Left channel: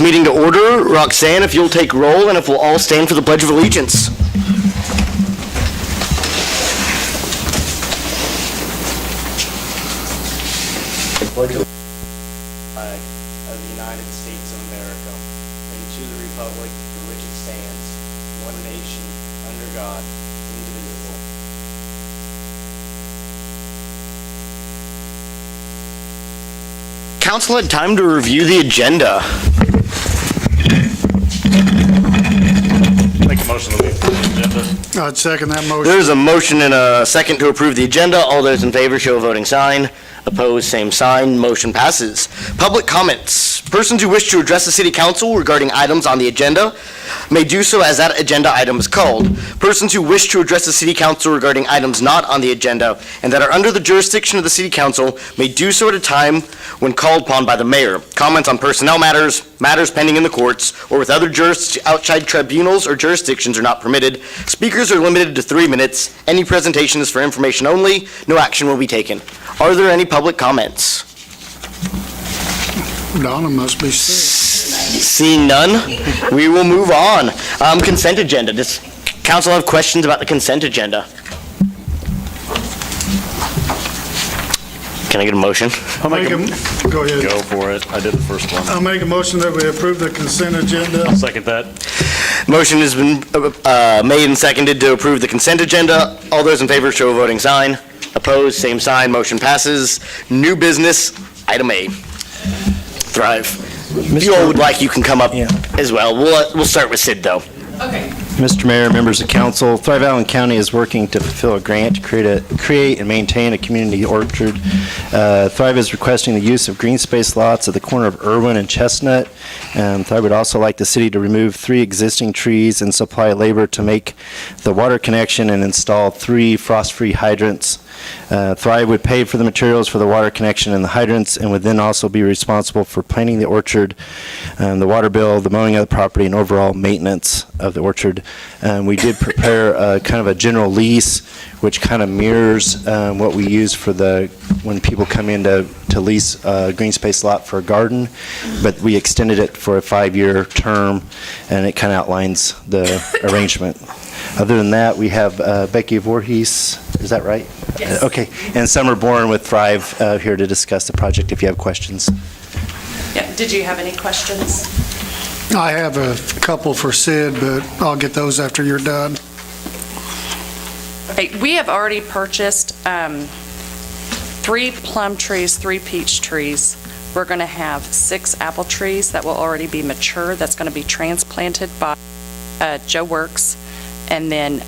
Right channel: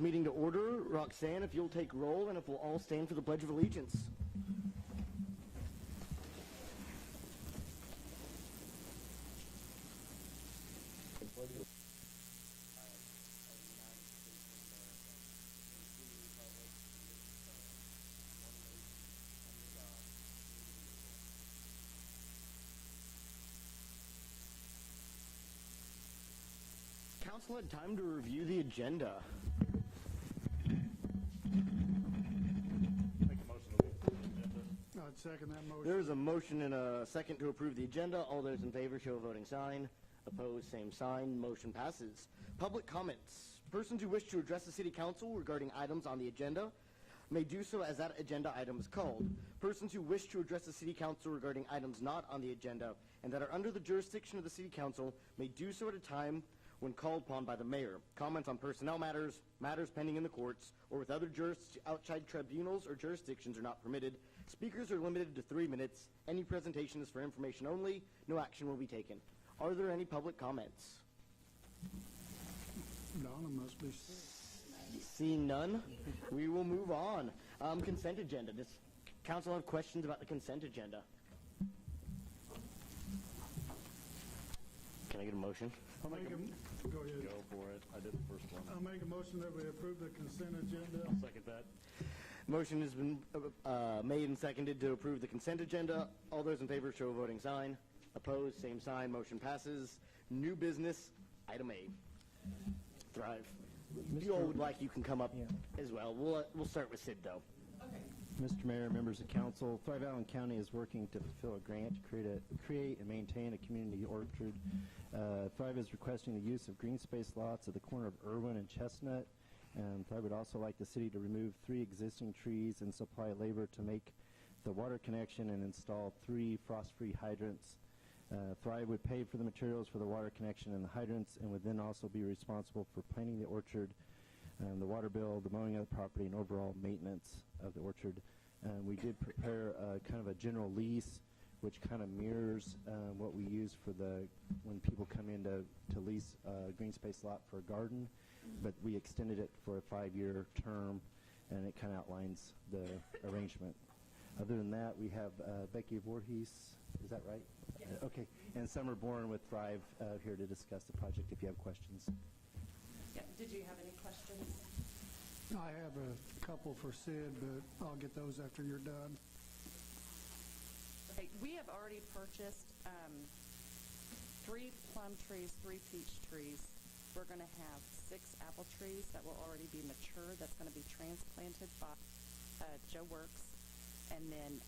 Meeting to order. Roxanne, if you'll take roll, and if we'll all stand for the Pledge of Allegiance. Flag of the United States of America, and to the republic for which it stands, one nation, under God, indivisible. Council had time to review the agenda. Make a motion to approve the agenda. I'd second that motion. There's a motion and a second to approve the agenda. All those in favor show a voting sign. Opposed, same sign. Motion passes. Public comments. Persons who wish to address the City Council regarding items on the agenda may do so as that agenda item is called. Persons who wish to address the City Council regarding items not on the agenda and that are under the jurisdiction of the City Council may do so at a time when called upon by the mayor. Comments on personnel matters, matters pending in the courts, or with other outside tribunals or jurisdictions are not permitted. Speakers are limited to 3 minutes. Any presentation is for information only. No action will be taken. Are there any public comments? Donna must be sick. Seeing none, we will move on. Consent agenda. Does council have questions about the consent agenda? Can I get a motion? Go ahead. Go for it. I did the first one. I'll make a motion that we approve the consent agenda. I'll second that. Motion has been made and seconded to approve the consent agenda. All those in favor show a voting sign. Opposed, same sign. Motion passes. New business, item A. Thrive. If you all would like, you can come up as well. We'll start with Sid, though. Okay. Mr. Mayor, members of council, Thrive Allen County is working to fulfill a grant to create and maintain a community orchard. Thrive is requesting the use of green space lots at the corner of Irwin and Chestnut. Thrive would also like the city to remove 3 existing trees and supply labor to make the water connection and install 3 frost-free hydrants. Thrive would pay for the materials for the water connection and the hydrants, and would then also be responsible for planting the orchard, the water bill, the mowing of the property, and overall maintenance of the orchard. We did prepare kind of a general lease, which kind of mirrors what we use for when people come in to lease a green space lot for a garden, but we extended it for a 5-year term, and it kind of outlines the arrangement. Other than that, we have Becky Voorhees, is that right? Yes. Okay, and Summer Bourne with Thrive here to discuss the project if you have questions. Yeah. Did you have any questions? I have a couple for Sid, but I'll get those after you're done. Okay. We have already purchased 3 plum trees, 3 peach trees. We're going to have 6 apple trees that will already be mature. That's going to be transplanted by Joe Works. And then,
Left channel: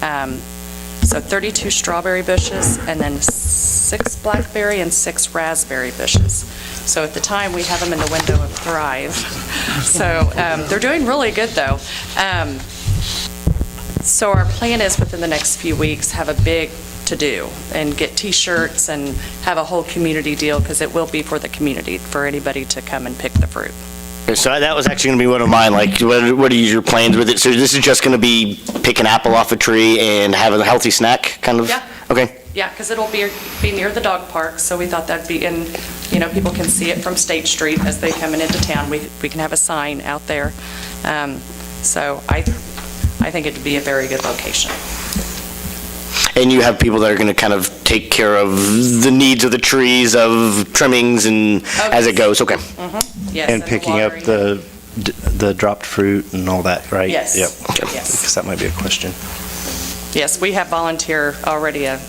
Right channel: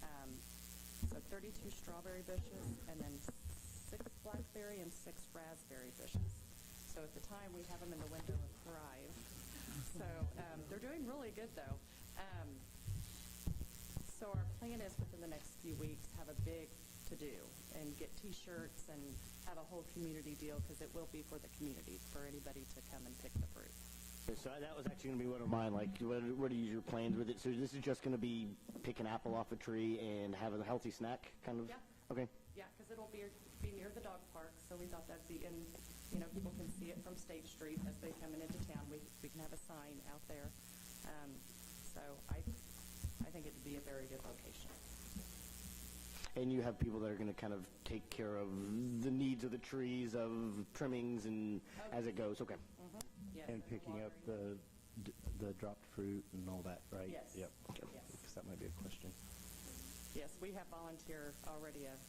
so 32 strawberry bushes, and then 6 blackberry and 6 raspberry bushes. So at the time, we have them in the window of Thrive. So they're doing really good, though. So our plan is within the next few weeks, have a big to-do and get T-shirts and have a whole community deal, because it will be for the community, for anybody to come and pick the fruit. So that was actually going to be one of mine. Like, what are your plans with it? So this is just going to be pick an apple off a tree and have a healthy snack, kind of? Yeah. Okay. Yeah, because it'll be near the dog park, so we thought that'd be in, people can see it from State Street as they come into town. We can have a sign out there. So I think it'd be a very good location. And you have people that are going to kind of take care of the needs of the trees, of trimmings, and as it goes. Okay. Mm-hmm. Yes. And picking up the dropped fruit and all that, right? Yes. Yep. Okay. Yes. Because that might be a question. Yes, we have already a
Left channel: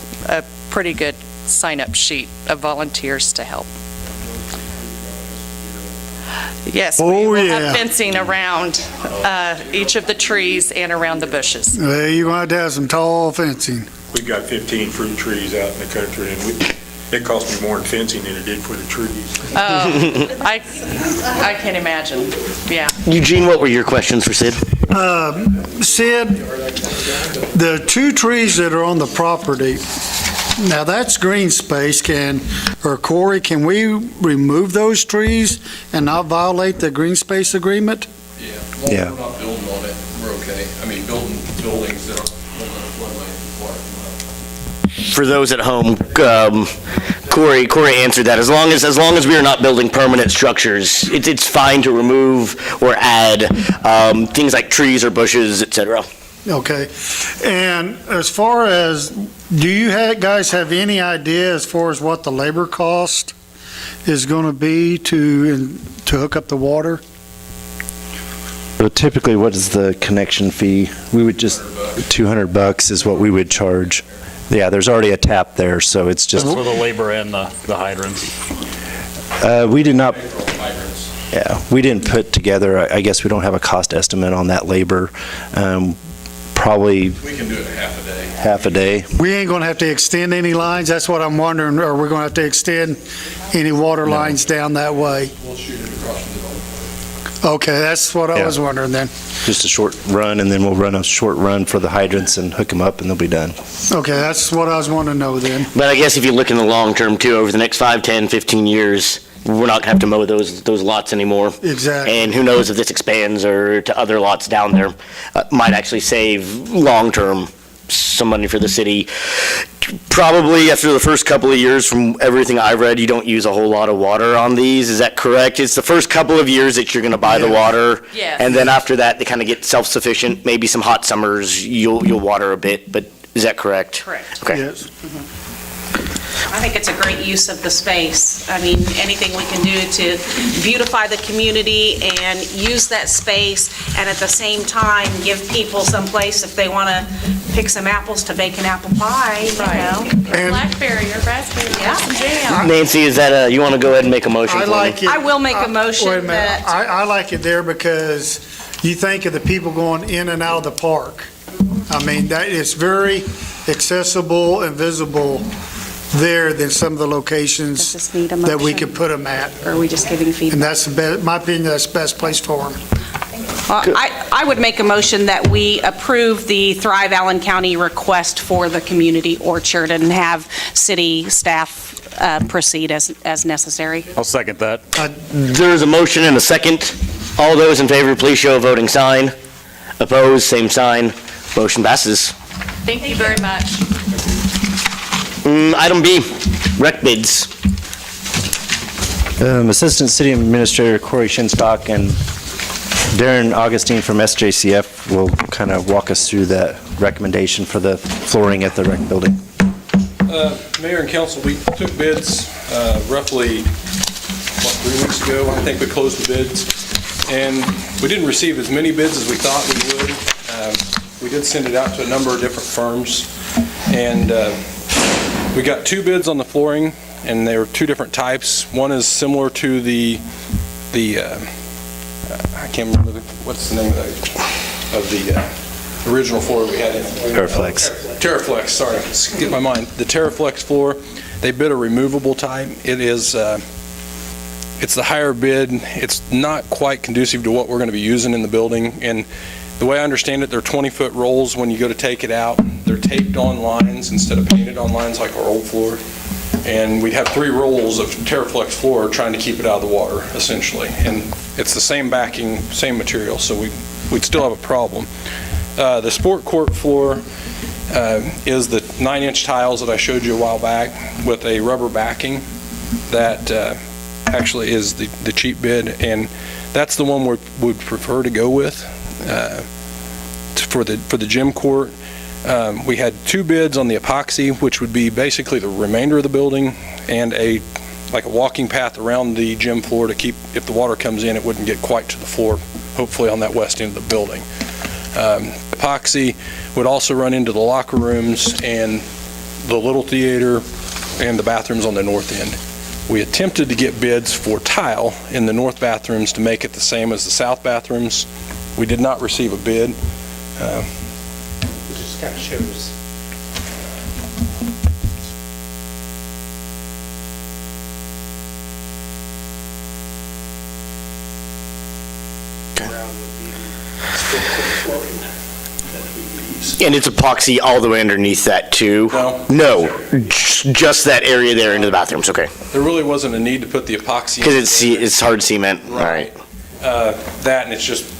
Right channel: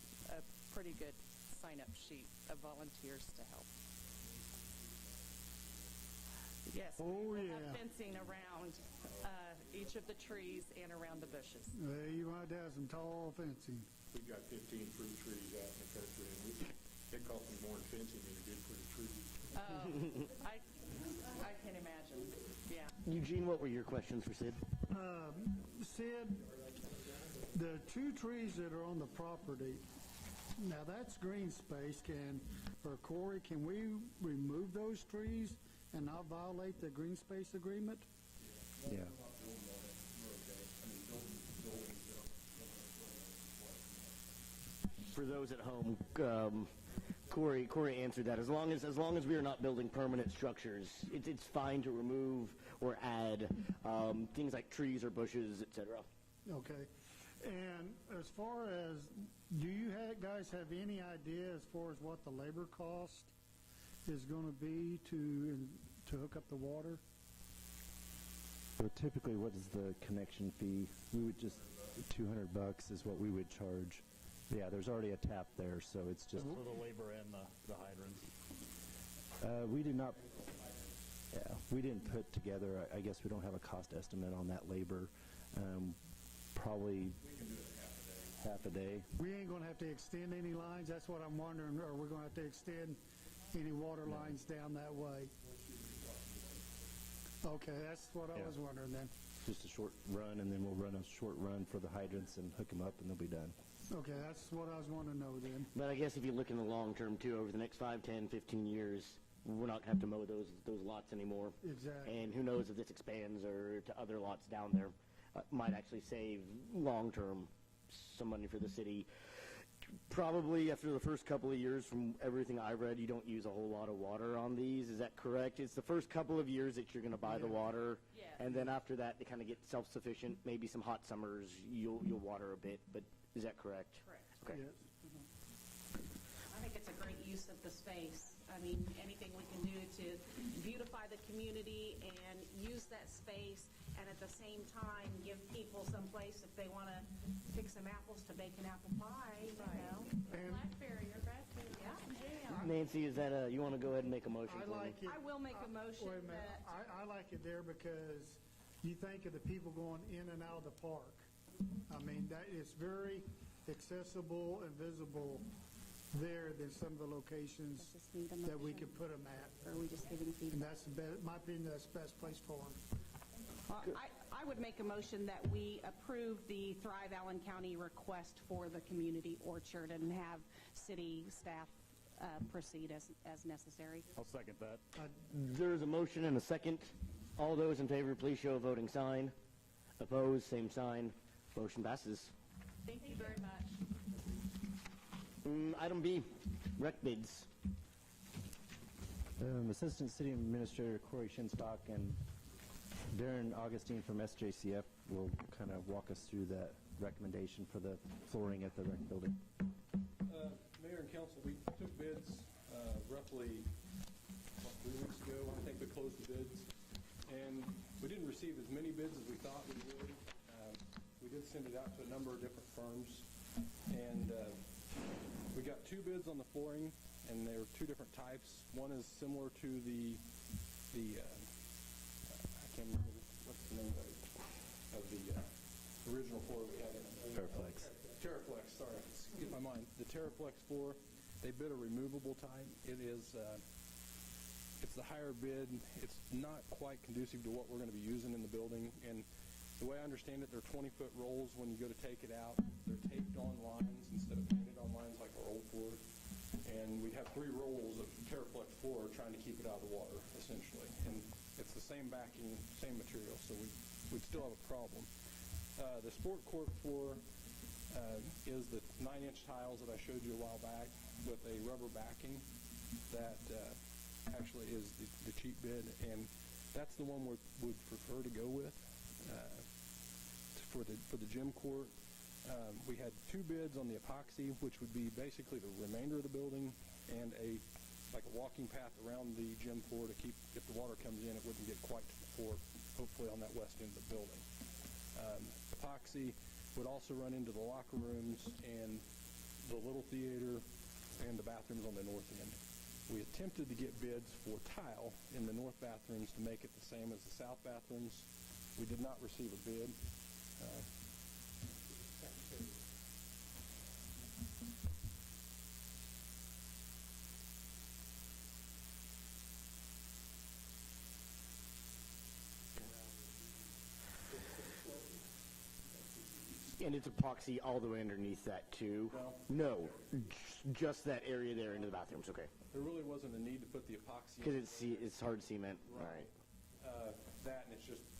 pretty good sign-up sheet of volunteers to help. Yes, we will have fencing around each of the trees and around the bushes. Well, you're going to have some tall fencing. We've got 15 fruit trees out in the country, and it cost me more in fencing than it did for the trees. I can imagine, yeah. Eugene, what were your questions for Sid? Sid, the 2 trees that are on the property, now that's green space. Corey, can we remove those trees and not violate the green space agreement? Yeah, as long as we're not building on it, we're okay. I mean, building buildings that are floodplain water. For those at home, Corey answered that. As long as we are not building permanent structures, it's fine to remove or add things like trees or bushes, et cetera. Okay. And as far as, do you guys have any idea as far as what the labor cost is going to be to hook up the water? So typically, what is the connection fee? We would just, $200 is what we would charge. Yeah, there's already a tap there, so it's just, For the labor and the hydrants. we did not, Hydrants. yeah, we didn't put together, I guess we don't have a cost estimate on that labor. Probably We can do it in half a day. We ain't going to have to extend any lines? That's what I'm wondering. Are we going to have to extend any water lines down that way? We'll shoot it across the building. Okay, that's what I Yeah. was wondering then. Just a short run, and then we'll run a short run for the hydrants and hook them up, and they'll be done. Okay, that's what I was wanting to know then. But I guess if you look in the long term too, over the next 5, 10, 15 years, we're not going to have to mow those lots anymore. Exactly. And who knows if this expands or to other lots down there, might actually save long-term some money for the city. Probably after the first couple of years, from everything I've read, you don't use a whole lot of water on these. Is that correct? It's the first couple of years that you're going to buy the water. Yes. And then after that, they kind of get self-sufficient. Maybe some hot summers, you'll water a bit, but is that correct? Correct. Okay. Yes. I think it's a great use of the space. I mean, anything we can do to beautify the community and use that space, and at the same time, give people some place if they want to pick some apples to bake an apple pie, you know? And Blackberry or raspberry, Yeah. some jam. Nancy, is that, you want to go ahead and make a motion I for me? like it. I will make a Wait a motion minute. that, I like it there because you think of the people going in and out of the park. I mean, that is very accessible and visible there than some of the does locations this need a that we motion? could put them at. Or are we just giving And feedback? that's the best, my opinion, that's the best place for them. I would make a motion that we approve the Thrive Allen County request for the community orchard and have city staff proceed as necessary. I'll second that. There's a motion and a second. All those in favor, please show a voting sign. Opposed, same sign. Motion passes. Thank you very much. Item B, rec bids. Assistant City Administrator Corey Shinstock and Darren Augustine from SJCF will kind of walk us through that recommendation for the flooring at the rec building. Mayor and council, we took bids roughly, 3 weeks ago? I think we closed the bids. And we didn't receive as many bids as we thought we would. We did send it out to a number of different firms. And we got 2 bids on the flooring, and they were 2 different types. One is similar to the I can't remember, what's the name of the original floor we had in? Perflex. Terraflex, sorry, skip my mind. The Terraflex floor, they bid a removable type. It is, it's the higher bid. It's not quite conducive to what we're going to be using in the building. And the way I understand it, they're 20-foot rolls. When you go to take it out, they're taped on lines instead of painted on lines like our old floor. And we'd have 3 rolls of Terraflex floor trying to keep it out of the water, essentially. And it's the same backing, same material, so we'd still have a problem. The sport court floor is the 9-inch tiles that I showed you a while back with a rubber backing. That actually is the cheap bid, and that's the one we would prefer to go with for the gym court. We had 2 bids on the epoxy, which would be basically the remainder of the building, and like a walking path around the gym floor to keep, if the water comes in, it wouldn't get quite to the floor, hopefully on that west end of the building. Epoxy would also run into the locker rooms and the little theater and the bathrooms on the north end. We attempted to get bids for tile in the north bathrooms to make it the same as the south bathrooms. We did not receive a bid. Just kind of shows. And it's epoxy all the way underneath that too? No. No, just that area there into the bathrooms, okay. There really wasn't a need to put the epoxy. Because it's hard cement, all right. That, and it's just,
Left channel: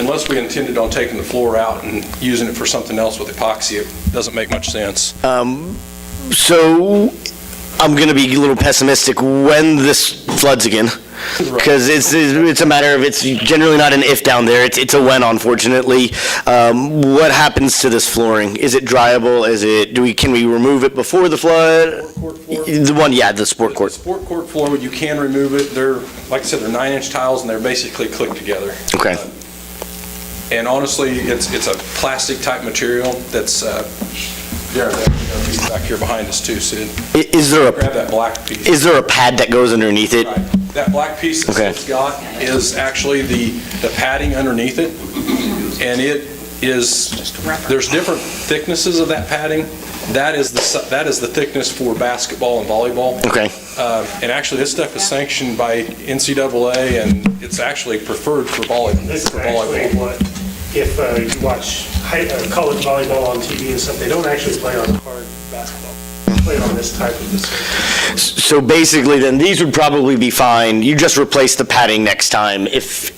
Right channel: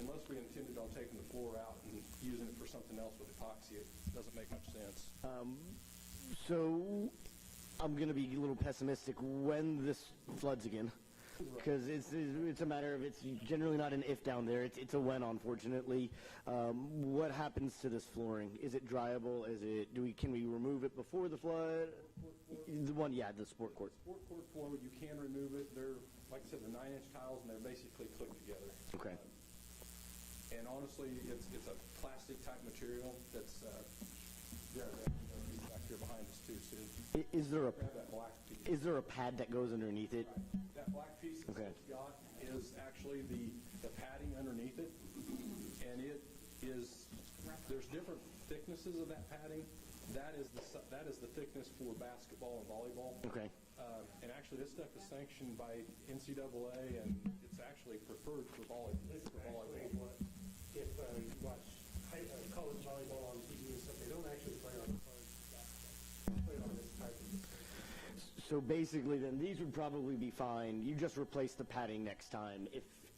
unless we intended on taking the floor out and using it for something else with epoxy, it doesn't make much sense. So I'm going to be a little pessimistic when this floods again. Because it's a matter of, it's generally not an if down there, it's a when, unfortunately. What happens to this flooring? Is it dryable? Can we remove it before the flood? Sport court floor? The sport court. The sport court floor, you can remove it. They're, like I said, they're 9-inch tiles and they're basically clicked together. Okay. And honestly, it's a plastic type material that's, back here behind us too, Sid. Is there Grab that black piece. Is there a pad that goes underneath it? Right. That black piece that Okay. it's got is actually the padding underneath it. And it is, there's different thicknesses of that padding. That is the thickness for basketball and volleyball. Okay. And actually, this stuff is sanctioned by NCAA, and it's actually preferred for volleyball. This is actually what, if you watch college volleyball on TV and stuff, they don't actually play on hard basketball. They play on this type of surface. So basically, then, these would probably be fine. You just replace the padding next time if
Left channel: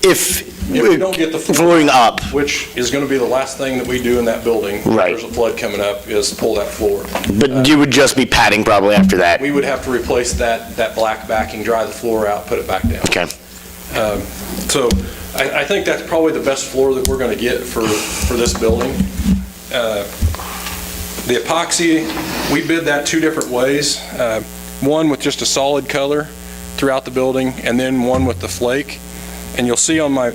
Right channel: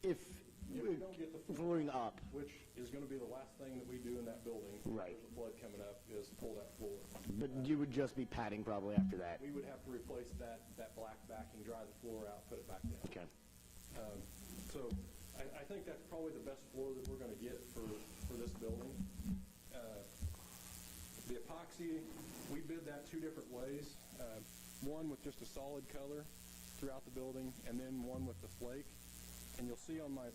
we don't get the flooring up. Which is going to be the last thing that we do in that building. If Right. there's a flood coming up, is pull that floor. But you would just be padding probably after that. We would have to replace that black backing, dry the floor out, put it back down. Okay. So I think that's probably the best floor that we're going to get for this building. The epoxy, we bid that two different ways. One with just a solid color throughout the building, and then one with the flake. And you'll see on my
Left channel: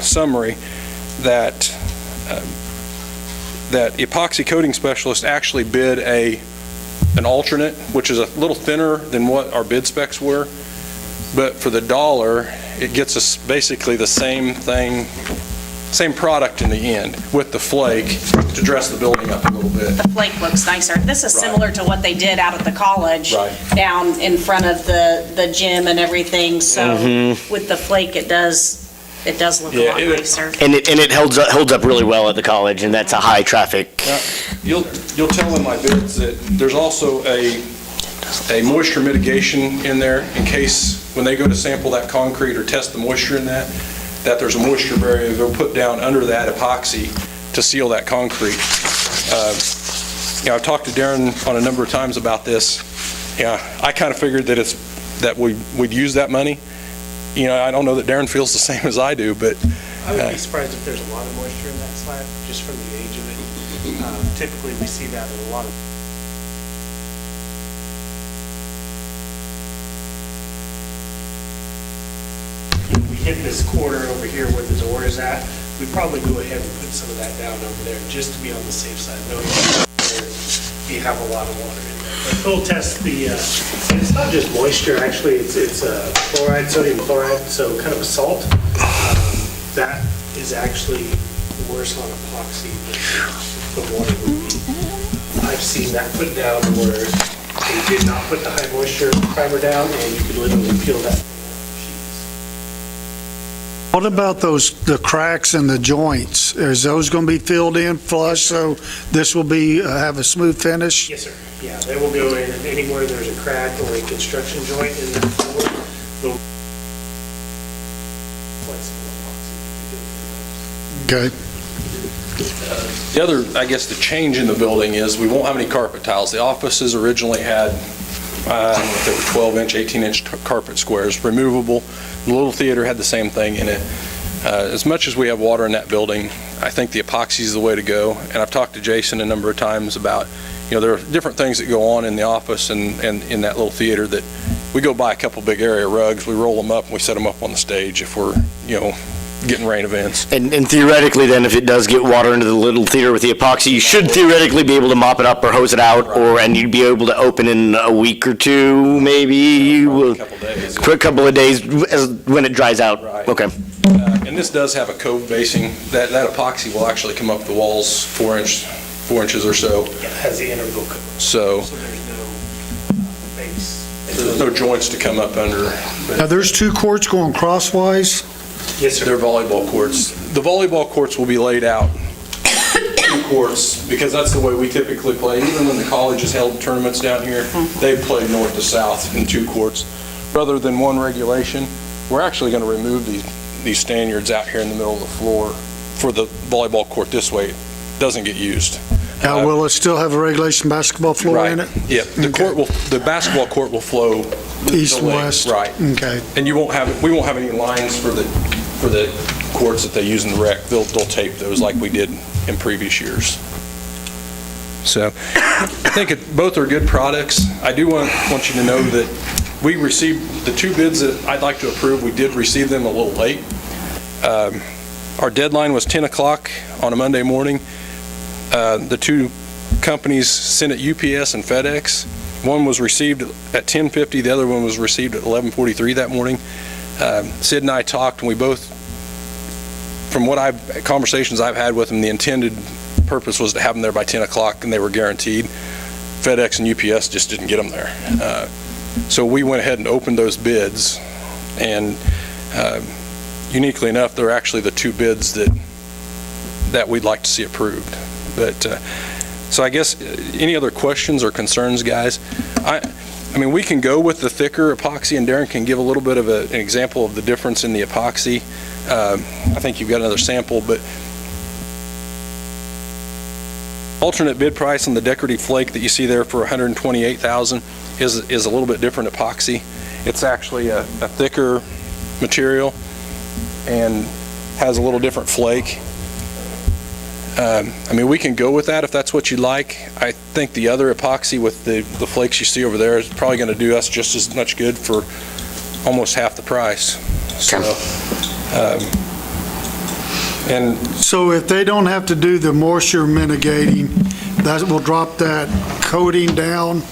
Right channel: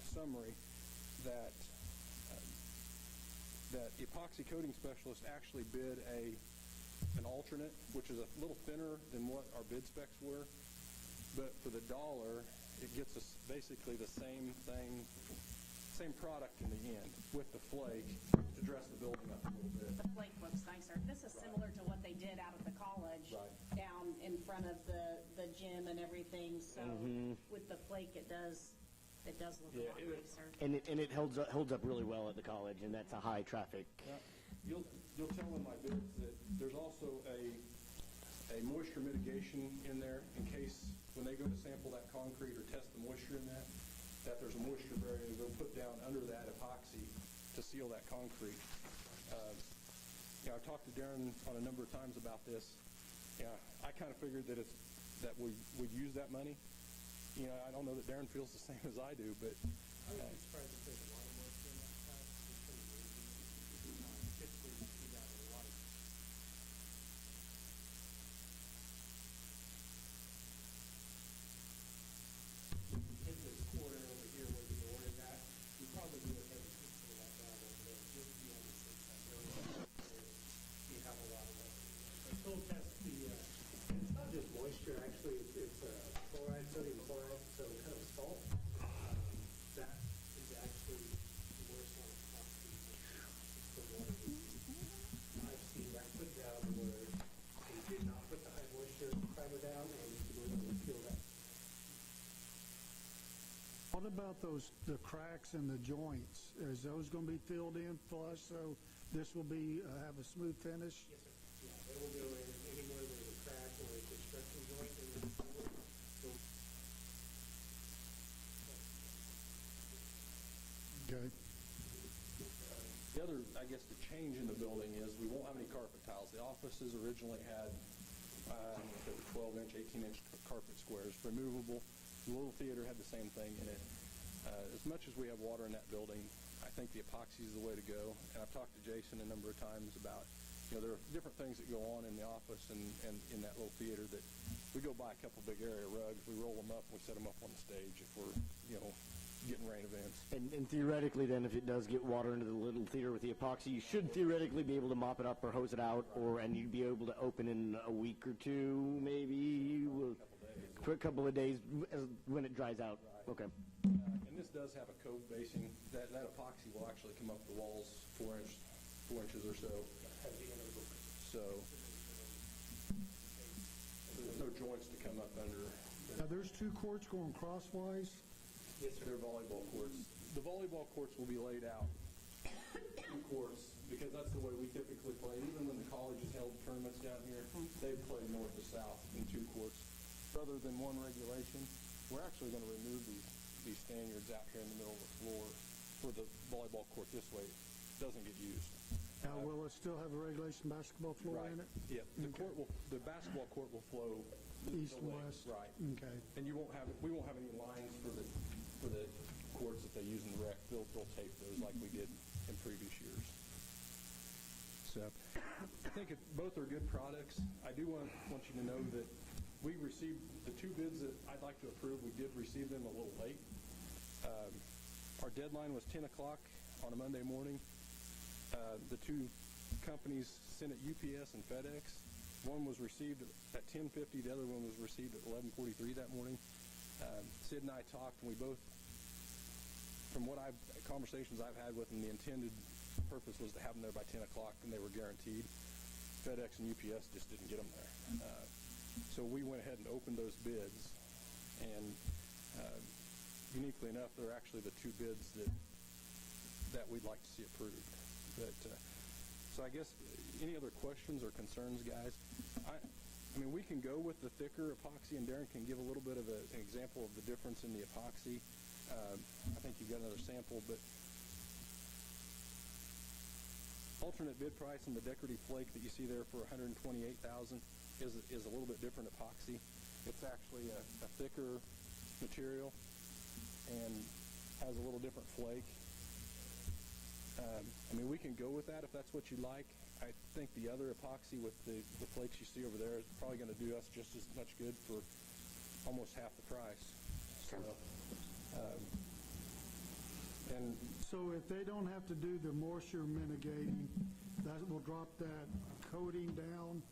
summary that epoxy coating specialist actually bid an alternate, which is a little thinner than what our bid specs were. But for the dollar, it gets us basically the same thing, same product in the end with the flake to dress the building up a little bit. The flake looks nicer. This is similar to what they did out at the college, Right. down in front of the gym and everything. So with the flake, it does look a lot nicer. And it holds up really well at the college, and that's a high traffic. Now, you'll tell in my bids that there's also a moisture mitigation in there in case when they go to sample that concrete or test the moisture in that there's a moisture barrier they'll put down under that epoxy to seal that concrete. I've talked to Darren on a number of times about this. I kind of figured that we'd use that money. I don't know that Darren feels the same as I do, but I would be surprised if there's a lot of moisture in that slab, just from the age of it. Typically, we see that in a lot of. If we hit this corner over here where the door is at, we'd probably go ahead and put some of that down over there, just to be on the safe side, knowing that we have a lot of water in there. But we'll test and it's not just moisture, actually, it's chloride, sodium chloride, so kind of a salt. That is actually worse on epoxy than the water would be. I've seen that put down where they did not put the high moisture primer down, and you could literally peel that. What about the cracks and the joints? Is those going to be filled in flush, so this will have a smooth finish? Yes, sir. Yeah, they will go in anywhere there's a crack or a construction joint in that floor. They'll Okay. the other, I guess, the change in the building is we won't have any carpet tiles. The offices originally had, I don't know if they were 12-inch, 18-inch carpet squares, removable. The little theater had the same thing in it. As much as we have water in that building, I think the epoxy is the way to go. And I've talked to Jason a number of times about, there are different things that go on in the office and in that little theater that we go buy a couple big area rugs, we roll them up, and we set them up on the stage if we're, getting rain events. And theoretically, then, if it does get water into the little theater with the epoxy, you should theoretically be able to mop it up or hose it out, and you'd be able to open in a week or two, maybe. Probably a couple days. For a couple of days when it dries out. Right. Okay. And this does have a cove basing. That epoxy will actually come up the walls 4 inches or so. It has the integral cover, So so there's no base. there's no joints to come up under. Now, there's two courts going crosswise. Yes, sir. They're volleyball courts. The volleyball courts will be laid out, two courts, because that's the way we typically play. Even when the college has held tournaments down here, they play north to south in two courts. Rather than one regulation, we're actually going to remove these stanyards out here in the middle of the floor for the volleyball court this way. It doesn't get used. Now, will it still have a regulation basketball floor in it? Yeah, the basketball court will flow East and the lake, west? right. Okay. And we won't have any lines for the courts that they use in the rec. They'll tape those like we did in previous years. So I think both are good products. I do want you to know that we received the two bids that I'd like to approve. We did receive them a little late. Our deadline was 10 o'clock on a Monday morning. The two companies sent it UPS and FedEx. One was received at 10:50, the other one was received at 11:43 that morning. Sid and I talked, and we both, from conversations I've had with them, the intended purpose was to have them there by 10 o'clock, and they were guaranteed. FedEx and UPS just didn't get them there. So we went ahead and opened those bids, and uniquely enough, they're actually the two bids that we'd like to see approved. But so I guess any other questions or concerns, guys? I mean, we can go with the thicker epoxy, and Darren can give a little bit of an example of the difference in the epoxy. I think you've got another sample, but alternate bid price on the decorative flake that you see there for $128,000 is a little bit different epoxy. It's actually a thicker material and has a little different flake. I mean, we can go with that if that's what you like. I think the other epoxy with the flakes you see over there is probably going to do us just as much good for almost half the price. So, and So if they don't have to do the moisture mitigating, that will drop that coating down?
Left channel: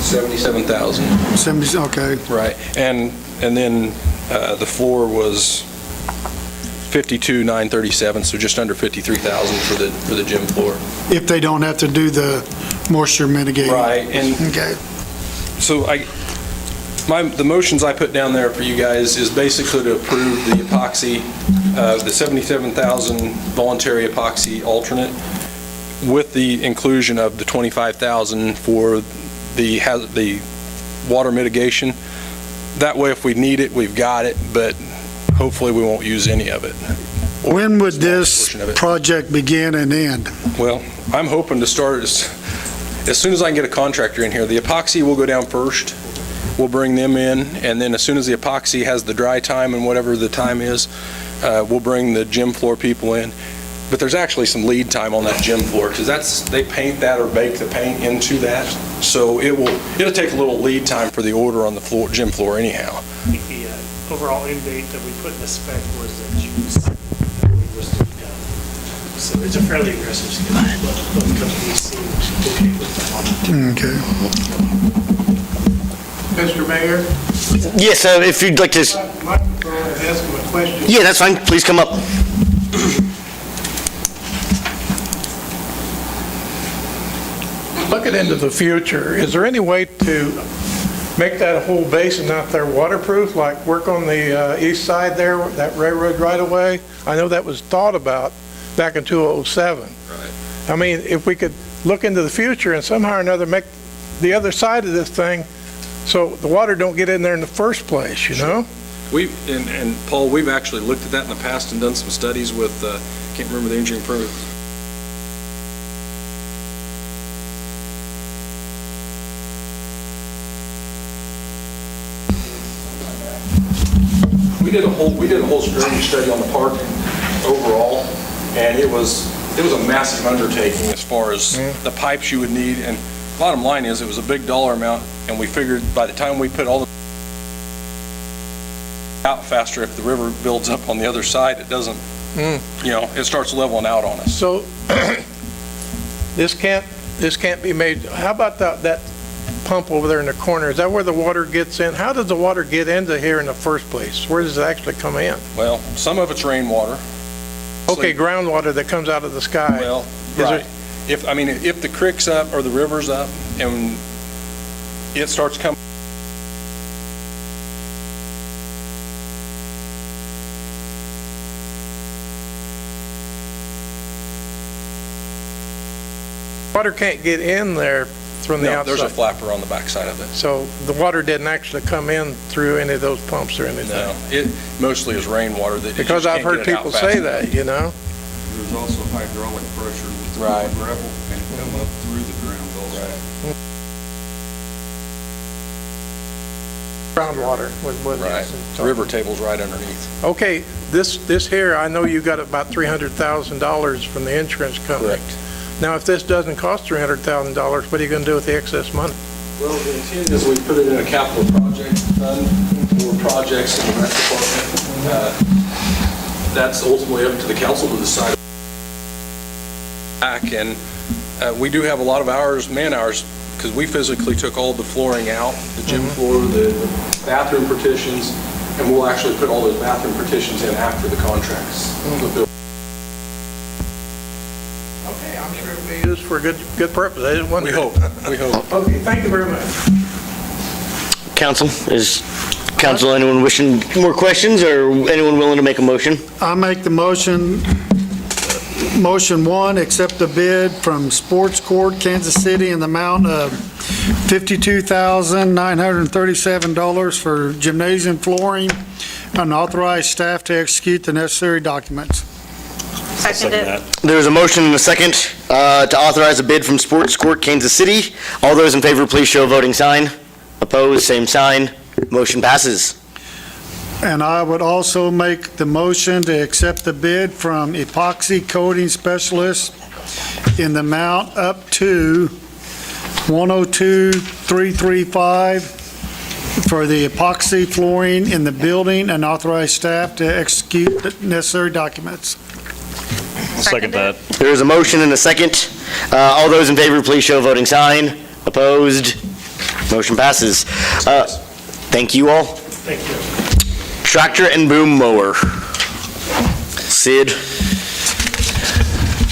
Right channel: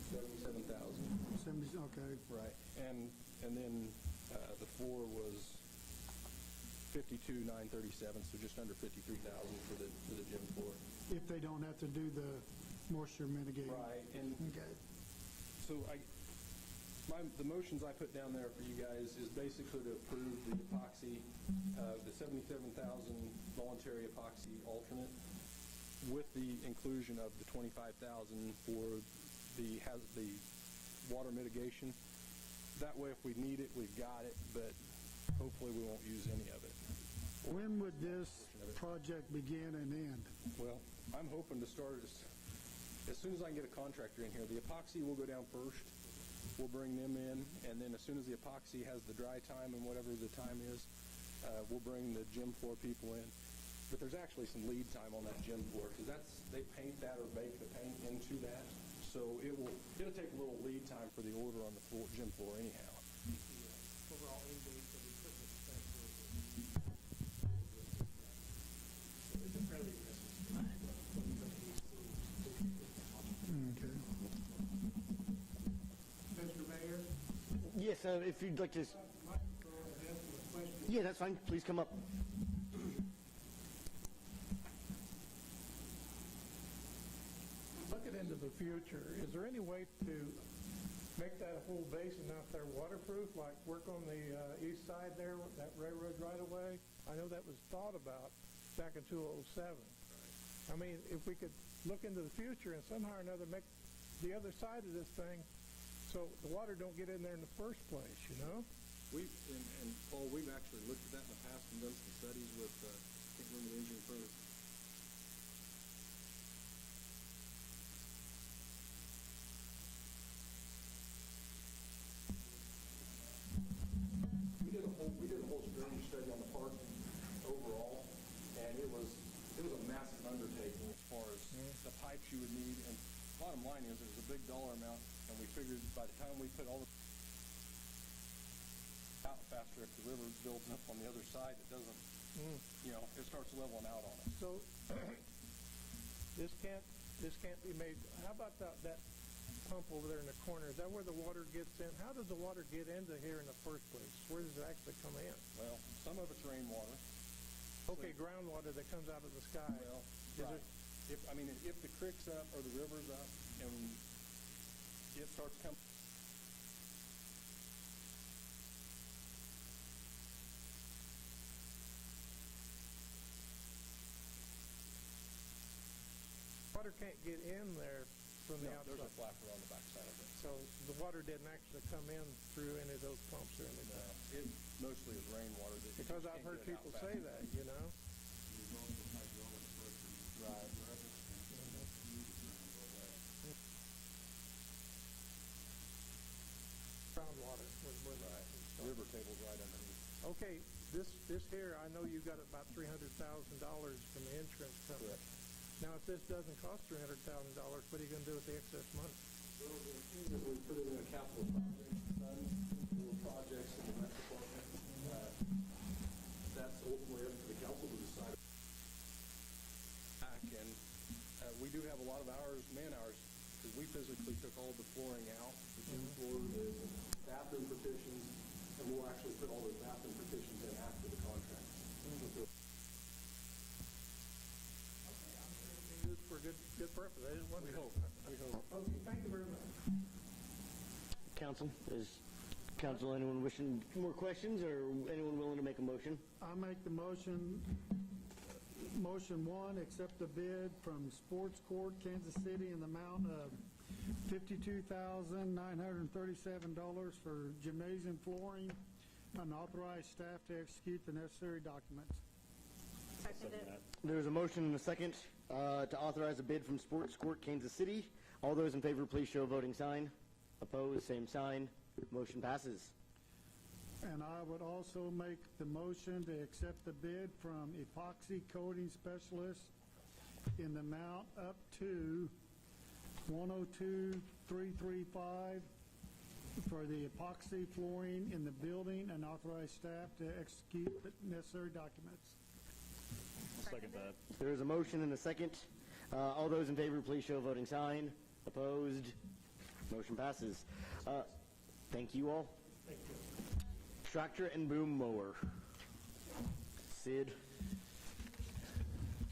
77,000. 70, okay. Right, and then the floor was 52,937, so just under 53,000 for the gym floor. If they don't have to do the moisture mitigating? Right, and Okay. so the motions I put down there for you guys is basically to approve the epoxy, the 77,000 voluntary epoxy alternate, with the inclusion of the 25,000 for the water mitigation. That way, if we need it, we've got it, but hopefully we won't use any of it. When would this project begin and end? Well, I'm hoping to start as soon as I can get a contractor in here. The epoxy will go down first. We'll bring them in, and then as soon as the epoxy has the dry time and whatever the time is, we'll bring the gym floor people in. But there's actually some lead time on that gym floor, because they paint that or bake the paint into that. So it'll take a little lead time for the order on the gym floor anyhow. The overall end date that we put in the spec was June 2nd that we listed down. So it's a fairly aggressive schedule, but both companies seem okay with that. Okay. Mr. Mayor, Yes, if you'd like to, microphone and ask him a question. yeah, that's fine. Please come up. Looking into the future, is there any way to make that whole basin out there waterproof, like work on the east side there, that railroad right away? I know that was thought about back in 2007. Right. I mean, if we could look into the future and somehow or another make the other side of this thing so the water don't get in there in the first place, you know? And Paul, we've actually looked at that in the past and done some studies with, can't remember the engineering firm. We did a whole drainage study on the park overall, and it was a massive undertaking as far as the pipes you would need. And bottom line is, it was a big dollar amount, and we figured by the time we put all the out faster, if the river builds up on the other side, it doesn't, it starts leveling out on us. So this can't be made, how about that pump over there in the corner? Is that where the water gets in? How does the water get into here in the first place? Where does it actually come in? Well, some of it's rainwater. Okay, groundwater that comes out of the sky. Well, Is right. it- If the creek's up or the river's up and it starts coming, Water can't get in there from the no, there's a outside. flapper on the backside of it. So the water didn't actually come in through any of those pumps or anything? No, it mostly is rainwater that. Because I've heard people say that, you know? There's also hydraulic pressure with Right. gravel, and Come up through the ground also. Groundwater was what it Right. is. River table's right underneath. Okay, this here, I know you got about $300,000 from the insurance company. Correct. Now, if this doesn't cost $300,000, what are you going to do with the excess money? Well, the intent is we put it in a capital project fund for projects in the rec department. That's ultimately up to the council to decide. Back, and we do have a lot of hours, man hours, because we physically took all the flooring out, the gym floor, the bathroom partitions, and we'll actually put all those bathroom partitions in after the contracts. Okay, I'm sure it'll be used for a good purpose. I didn't wonder. We hope, we hope. Okay, thank you very much. Council, is council anyone wishing more questions or anyone willing to make a motion? I make the motion one, accept the bid from Sports Court, Kansas City in the amount of $52,937 for gymnasium flooring, and authorize staff to execute the necessary documents. Second it. There's a motion and a second to authorize a bid from Sports Court, Kansas City. All those in favor, please show a voting sign. Opposed, same sign. Motion passes. And I would also make the motion to accept the bid from Epoxy Coating Specialists in the amount up to $102,335 for the epoxy flooring in the building, and authorize staff to execute the necessary documents. Second that. There is a motion and a second. All those in favor, please show a voting sign. Opposed? Motion passes. Thank you all. Thank you. Tractor and boom mower. Sid?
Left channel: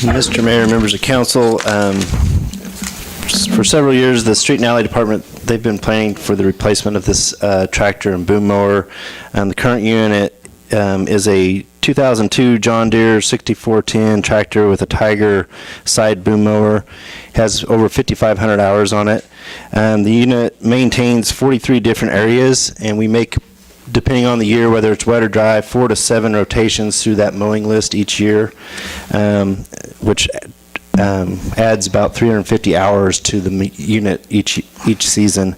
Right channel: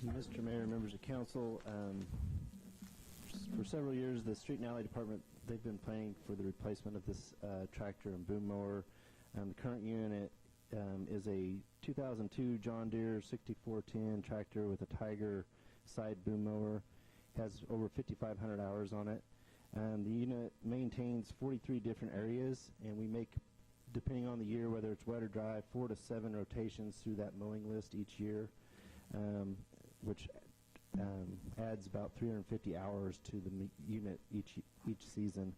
Mr. Mayor, members of council, for several years, the Street and Alley Department, they've been planning for the replacement of this tractor and boom mower. The current unit is a 2002 John Deere 6410 tractor with a Tiger side boom mower. Has over 5,500 hours on it. The unit maintains 43 different areas, and we make, depending on the year, whether it's wet or dry, 4 to 7 rotations through that mowing list each year, which adds about 350 hours to the unit each season.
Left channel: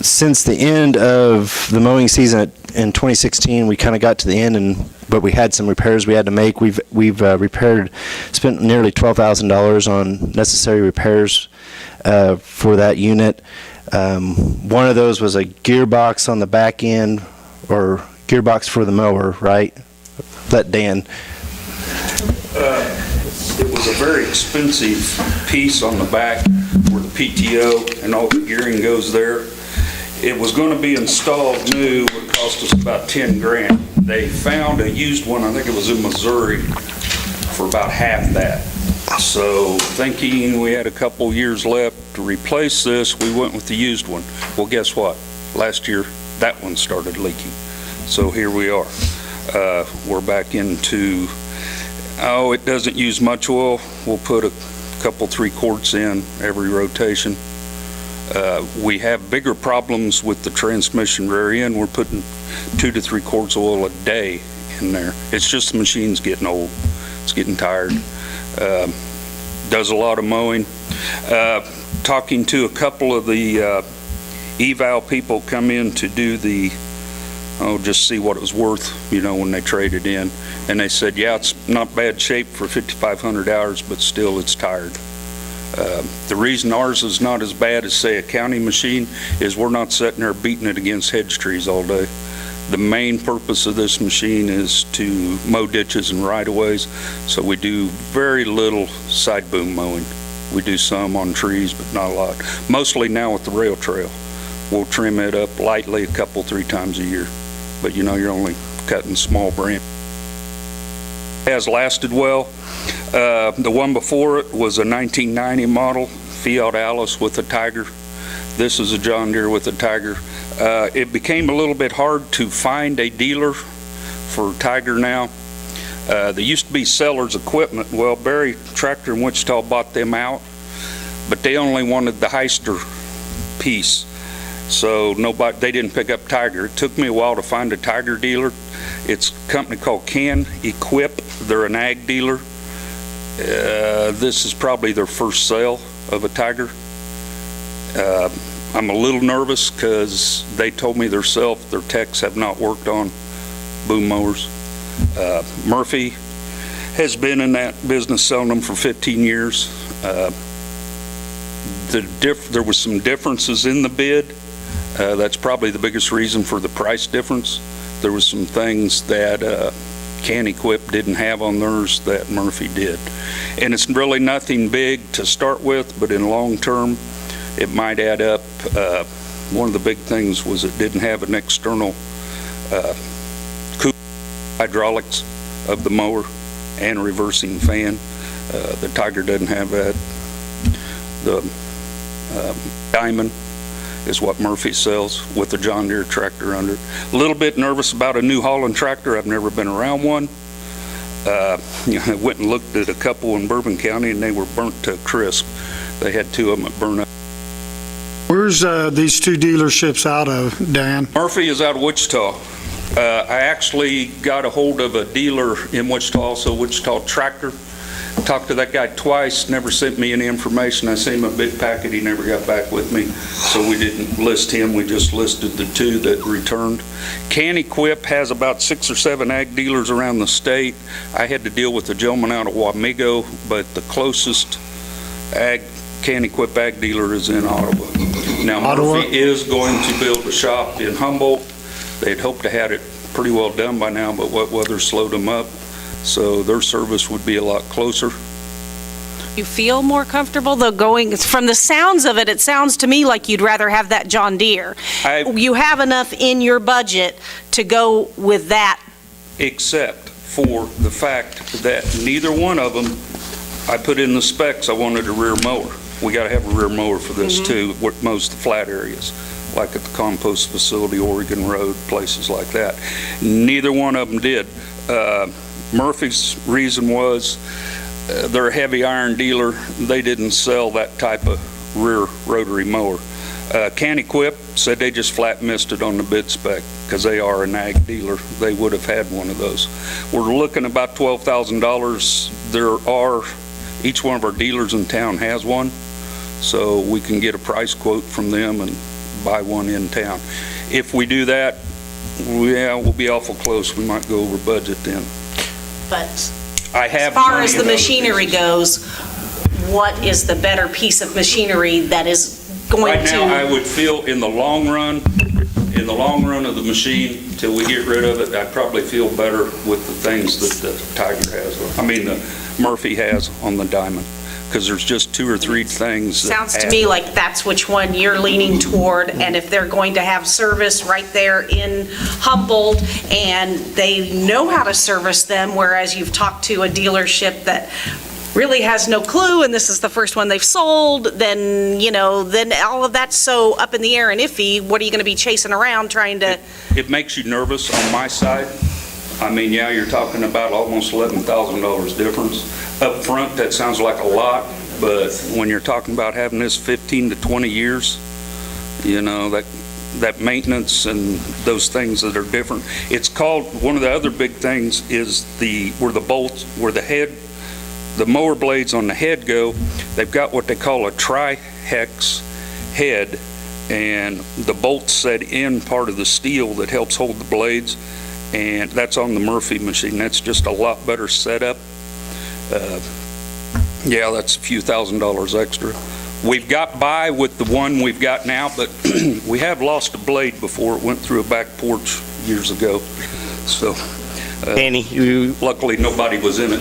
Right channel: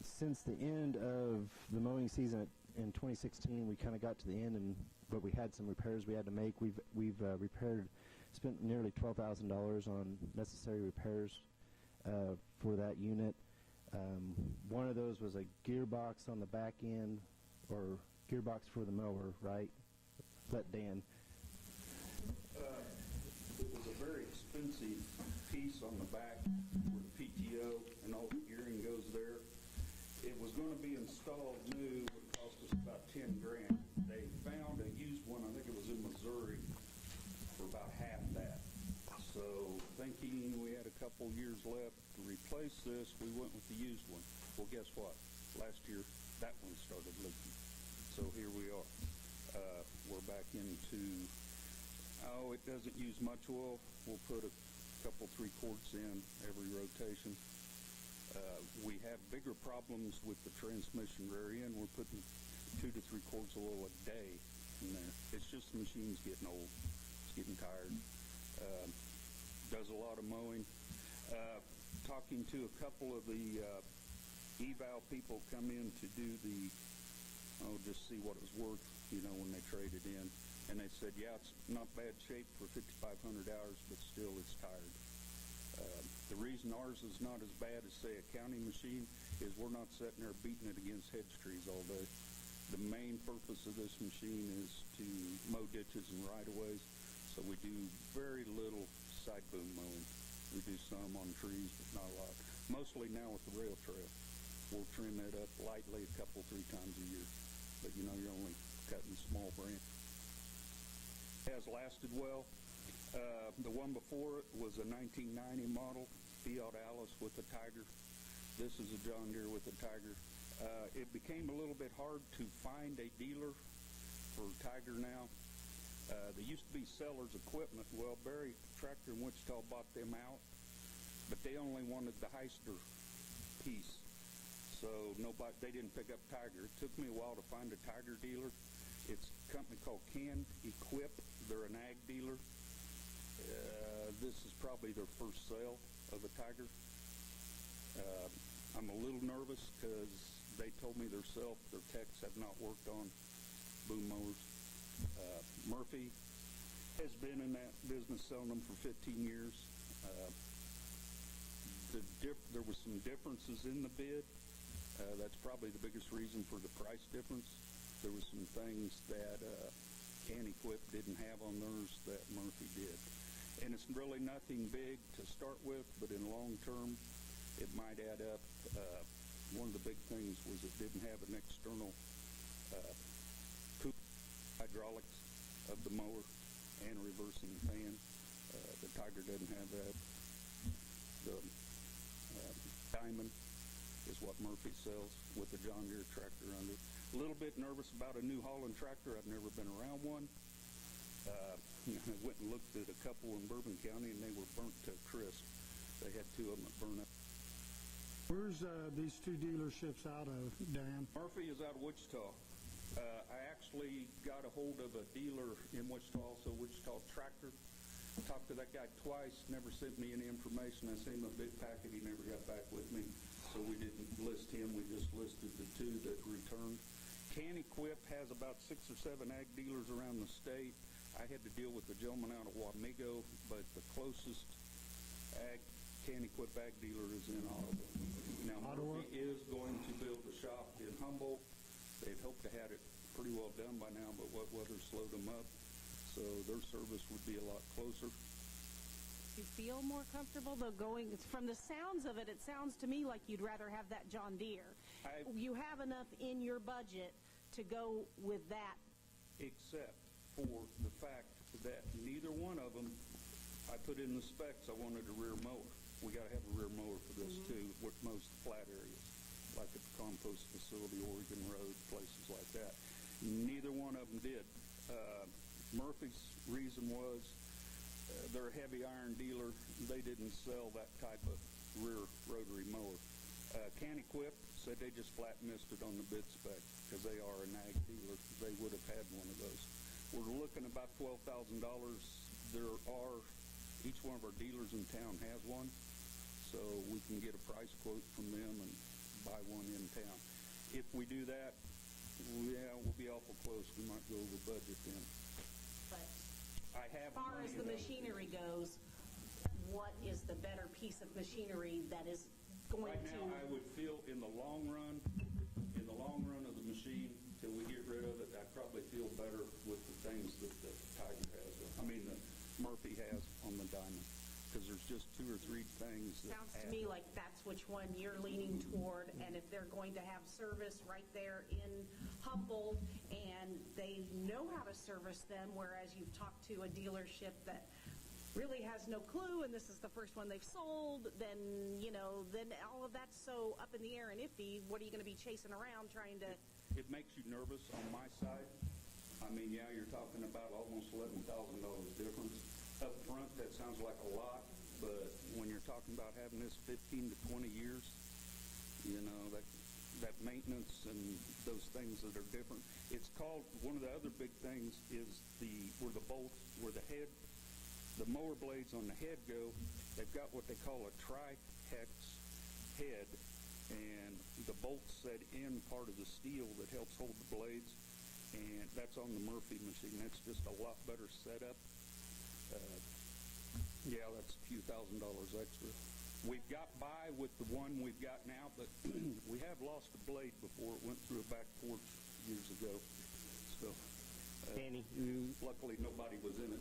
Since the end of the mowing season in 2016, we kind of got to the end, but we had some repairs we had to make. We've spent nearly $12,000 on necessary repairs for that unit. One of those was a gearbox on the back end, or gearbox for the mower, right? Let Dan. It was a very expensive piece on the back where the PTO and all the gearing goes there. It was going to be installed new, would cost us about 10 grand. They found a used one, I think it was in Missouri, for about half that. So thinking we had a couple years left to replace this, we went with the used one. Well, guess what? Last year, that one started leaking. So here we are. We're back into, it doesn't use much oil. We'll put a couple, 3 quarts in every rotation. We have bigger problems with the transmission rear end. We're putting 2 to 3 quarts of oil a day in there. It's just the machine's getting old. It's getting tired. Does a lot of mowing. Talking to a couple of the eval people come in to do the, just see what it was worth, when they traded in. And they said, yeah, it's not bad shape for 5,500 hours, but still it's tired. The reason ours is not as bad as, say, a county machine is we're not sitting there beating it against hedge trees all day. The main purpose of this machine is to mow ditches and right-of-ways, so we do very little side boom mowing. We do some on trees, but not a lot. Mostly now with the rail trail. We'll trim it up lightly 2-3 times a year, but you're only cutting small branches. It has lasted well. The one before it was a 1990 model Fiat Alice with a Tiger. This is a John Deere with a Tiger. It became a little bit hard to find a dealer for Tiger now. They used to be Sellers Equipment. Well, Barry Tractor in Wichita bought them out, but they only wanted the Heister piece. So they didn't pick up Tiger. It took me a while to find a Tiger dealer. It's a company called Can Equip. They're an ag dealer. This is probably their first sale of a Tiger. I'm a little nervous because they told me their techs have not worked on boom mowers. Murphy has been in that business selling them for 15 years. There was some differences in the bid. That's probably the biggest reason for the price difference. There was some things that Can Equip didn't have on theirs that Murphy did. And it's really nothing big to start with, but in long term, it might add up. One of the big things was it didn't have an external hydraulics of the mower and reversing fan. The Tiger doesn't have that. The Diamond is what Murphy sells with the John Deere tractor under it. A little bit nervous about a New Holland tractor. I've never been around one. I went and looked at a couple in Bourbon County, and they were burnt to a crisp. They had two of them that burned up. Where's these two dealerships out of, Dan? Murphy is out of Wichita. I actually got a hold of a dealer in Wichita, also Wichita Tractor. Talked to that guy twice, never sent me any information. I sent him a big packet, he never got back with me, so we didn't list him, we just listed the two that returned. Can Equip has about 6 or 7 ag dealers around the state. I had to deal with a gentleman out of Wamego, but the closest Can Equip ag dealer is in Ottawa. Now, Murphy is going to build a shop in Humboldt. They'd hoped to have it pretty well done by now, but what weather slowed them up. So their service would be a lot closer. You feel more comfortable, though, going, from the sounds of it, it sounds to me like you'd rather have that John Deere. You have enough in your budget to go with that. Except for the fact that neither one of them, I put in the specs, I wanted a rear mower. We got to have a rear mower for this too, with most of the flat areas, like at the compost facility, Oregon Road, places like that. Neither one of them did. Murphy's reason was they're a heavy iron dealer. They didn't sell that type of rear rotary mower. Can Equip said they just flat missed it on the bid spec because they are an ag dealer. They would have had one of those. We're looking about $12,000. Each one of our dealers in town has one, so we can get a price quote from them and buy one in town. If we do that, we'll be awful close. We might go over budget then. But as far as the machinery goes, what is the better piece of machinery that is going to... Right now, I would feel in the long run of the machine, till we get rid of it, I'd probably feel better with the things that the Tiger has, the Murphy has on the Diamond, because there's just 2 or 3 things. Sounds to me like that's which one you're leaning toward, and if they're going to have service right there in Humboldt, and they know how to service them, whereas you've talked to a dealership that really has no clue, and this is the first one they've sold, then, then all of that's so up in the air and iffy. What are you going to be chasing around trying to... It makes you nervous on my side. I mean, yeah, you're talking about almost $11,000 difference. Up front, that sounds like a lot, but when you're talking about having this 15 to 20 years, that maintenance and those things that are different. It's called, one of the other big things is where the mower blades on the head go, they've got what they call a tri-hex head, and the bolts set in part of the steel that helps hold the blades, and that's on the Murphy machine. That's just a lot better setup. Yeah, that's a few $1,000s extra. We've got by with the one we've got now, but we have lost a blade before. It went through a back porch years ago. So, Danny, luckily nobody was in it.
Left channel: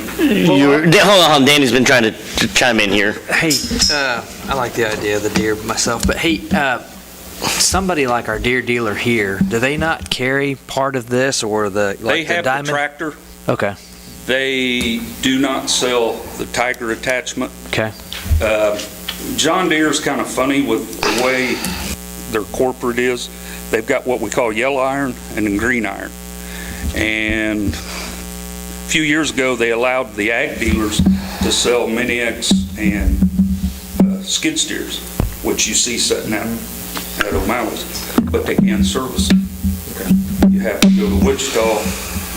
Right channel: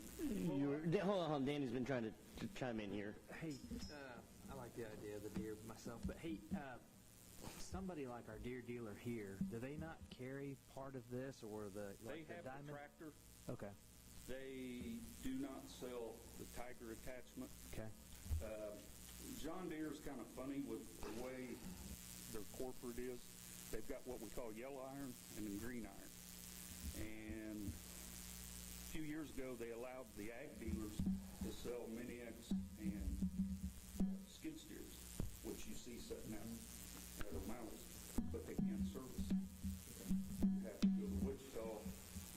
Hold on, Danny's been trying to chime in here. Hey, I like the idea of the Deere myself, but hey, somebody like our Deere dealer here, do they not carry part of this or the They have Diamond? the tractor. Okay. They do not sell the Tiger attachment. Okay. John Deere's kind of funny with the way their corporate is. They've got what we call yellow iron and then green iron. And a few years ago, they allowed the ag dealers to sell Mini-X and skid steers, which you see sitting out at O'Malley's, but they can't service them. You have to go to Wichita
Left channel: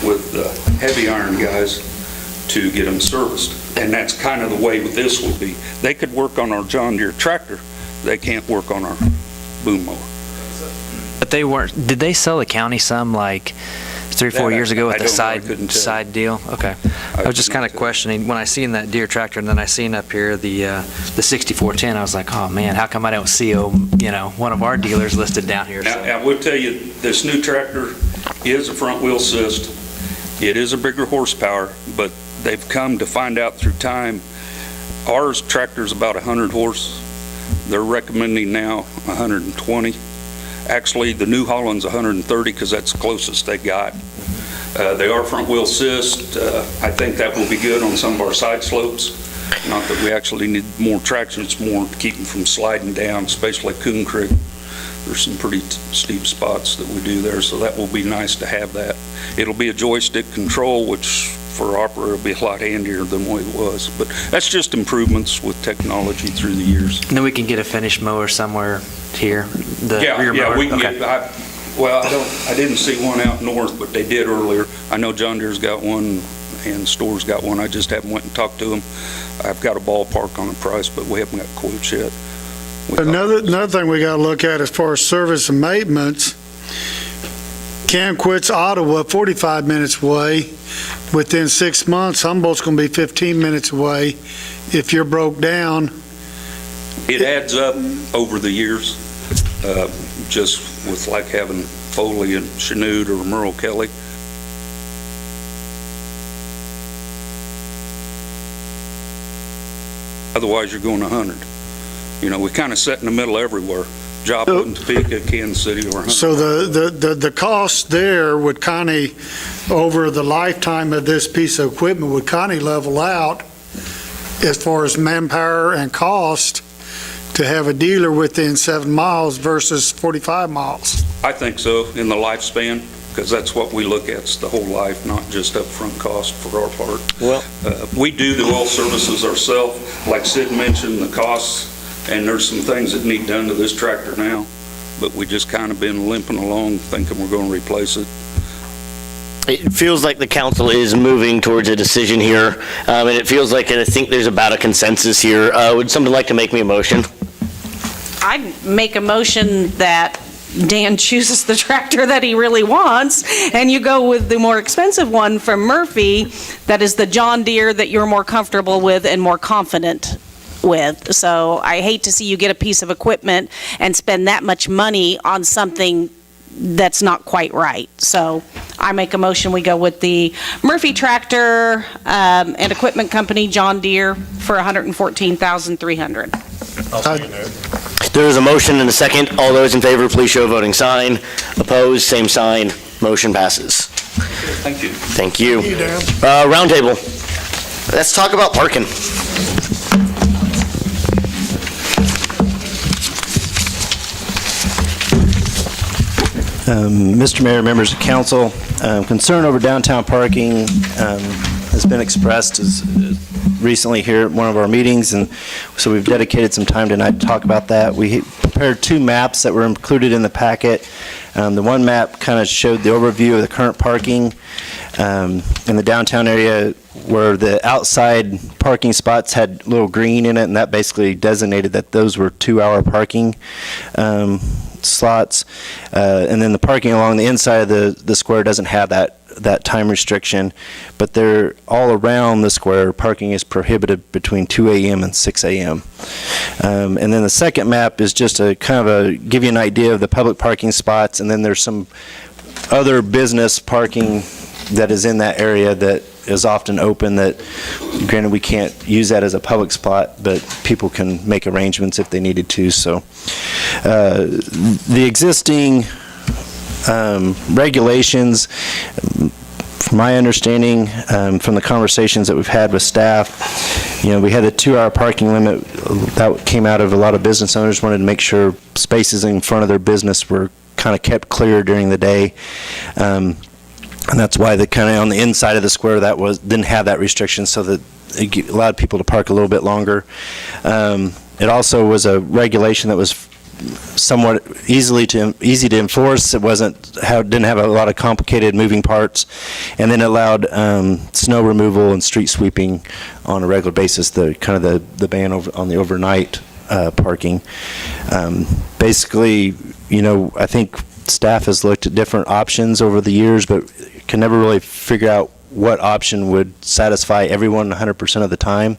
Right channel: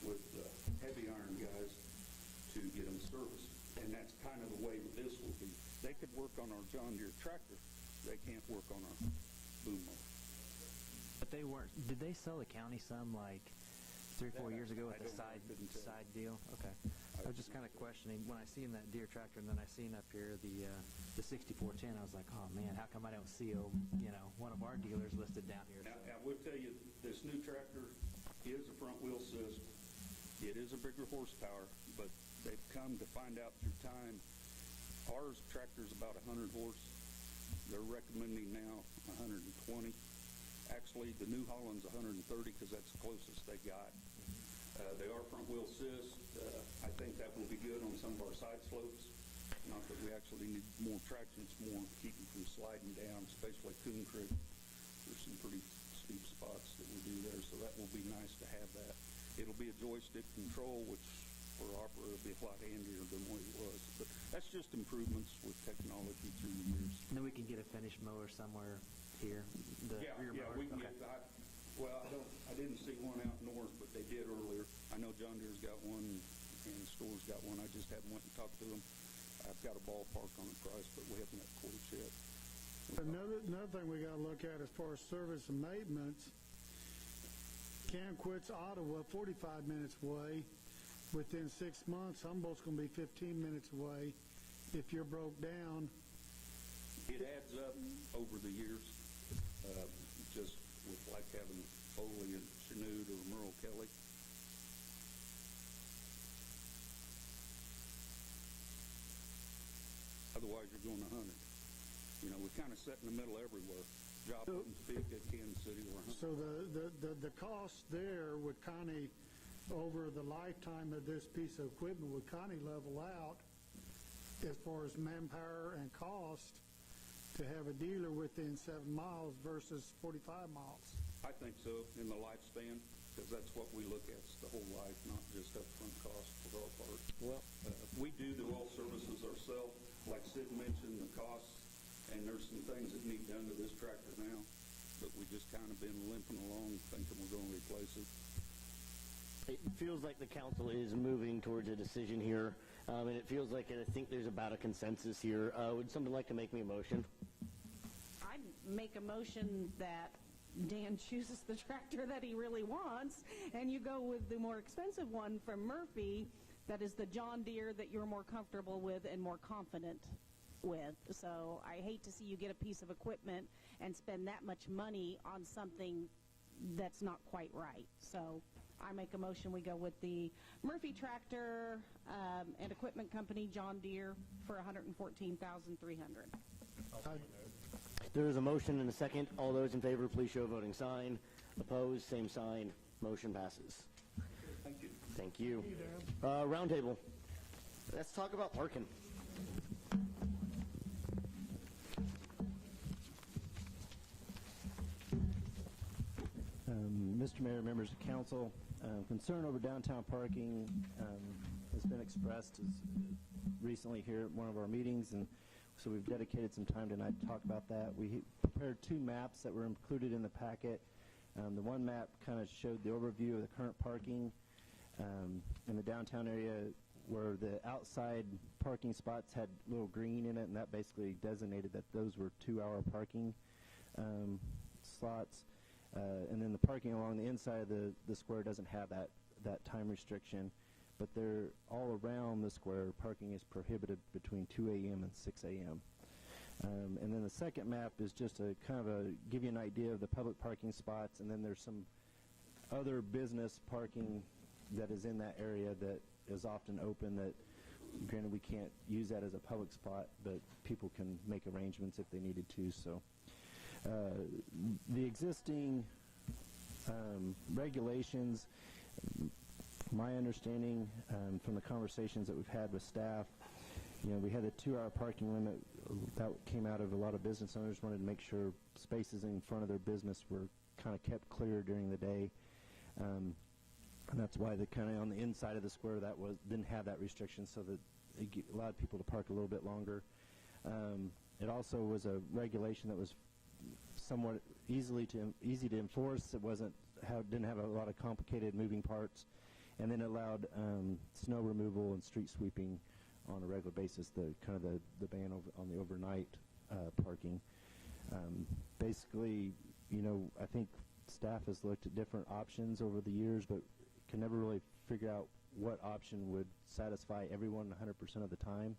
with the heavy iron guys to get them serviced. And that's kind of the way with this will be. They could work on our John Deere tractor, they can't work on our boom mower. But they weren't, did they sell the county some like 3 or 4 years ago with I the don't know. I couldn't tell. side deal? Okay. I was just kind of questioning, when I seen that Deere tractor and then I seen up here the 6410, I was like, oh man, how come I don't see, one of our dealers listed down here? Now, I will tell you, this new tractor is a front wheel assist. It is a bigger horsepower, but they've come to find out through time, ours tractor's about 100 horse. They're recommending now 120. Actually, the New Holland's 130 because that's the closest they got. They are front wheel assist. I think that will be good on some of our side slopes. Not that we actually need more traction, it's more to keep them from sliding down, especially Coon Creek. There's some pretty steep spots that we do there, so that will be nice to have that. It'll be a joystick control, which for our operator will be a lot handier than what it was. But that's just improvements with technology through the years. And then we can get a finished mower somewhere here, the rear mower? Yeah, we can Okay. get, I didn't see one out north, but they did earlier. I know John Deere's got one and Store's got one. I just haven't went and talked to them. I've got a ballpark on the price, but we haven't got quotes yet. Another thing we got to look at as far as service and maintenance, Cam quits Ottawa 45 minutes away. Within 6 months, Humboldt's going to be 15 minutes away. If you're broke down, It adds up over the years, just with like having Foley and Chanute or Merle Kelly. Otherwise, you're going 100. We kind of set in the middle everywhere. Joplin, Topeka, Kansas City, or 100. so the cost there would kind of, over the lifetime of this piece of equipment, would kind of level out as far as manpower and cost to have a dealer within 7 miles versus 45 miles. I think so, in the lifespan, because that's what we look at, it's the whole life, not just upfront cost for our part. Well, We do the oil services ourselves, like Sid mentioned, the costs, and there's some things that need done to this tractor now, but we just kind of been limping along, thinking we're going to replace it. it feels like the council is moving towards a decision here, and it feels like, and I think there's about a consensus here. Would somebody like to make me a motion? I'd make a motion that Dan chooses the tractor that he really wants, and you go with the more expensive one from Murphy, that is the John Deere that you're more comfortable with and more confident with. So I hate to see you get a piece of equipment and spend that much money on something that's not quite right. So I make a motion, we go with the Murphy tractor and equipment company, John Deere, for $114,300. I'll second that. There is a motion and a second. All those in favor, please show a voting sign. Opposed, same sign. Motion passes. Thank you. Thank you. You, Dan. Roundtable. Let's talk about parking. Mr. Mayor, members of council, concern over downtown parking has been expressed recently here at one of our meetings, and so we've dedicated some time tonight to talk about that. We prepared 2 maps that were included in the packet. The one map kind of showed the overview of the current parking in the downtown area, where the outside parking spots had little green in it, and that basically designated that those were 2-hour parking slots. And then the parking along the inside of the square doesn't have that time restriction, but they're all around the square. Parking is prohibited between 2 a.m. and 6 a.m. And then the second map is just a kind of give you an idea of the public parking spots, and then there's some other business parking that is in that area that is often open, that granted we can't use that as a public spot, but people can make arrangements if they needed to. So the existing regulations, from my understanding, from the conversations that we've had with staff, we had a 2-hour parking limit that came out of a lot of business owners wanted to make sure spaces in front of their business were kind of kept clear during the day. And that's why the kind of on the inside of the square didn't have that restriction, so that it allowed people to park a little bit longer. It also was a regulation that was somewhat easy to enforce. It didn't have a lot of complicated moving parts, and then it allowed snow removal and street sweeping on a regular basis. The ban on the overnight parking. Basically, I think staff has looked at different options over the years, but can never really figure out what option would satisfy everyone 100% of the time.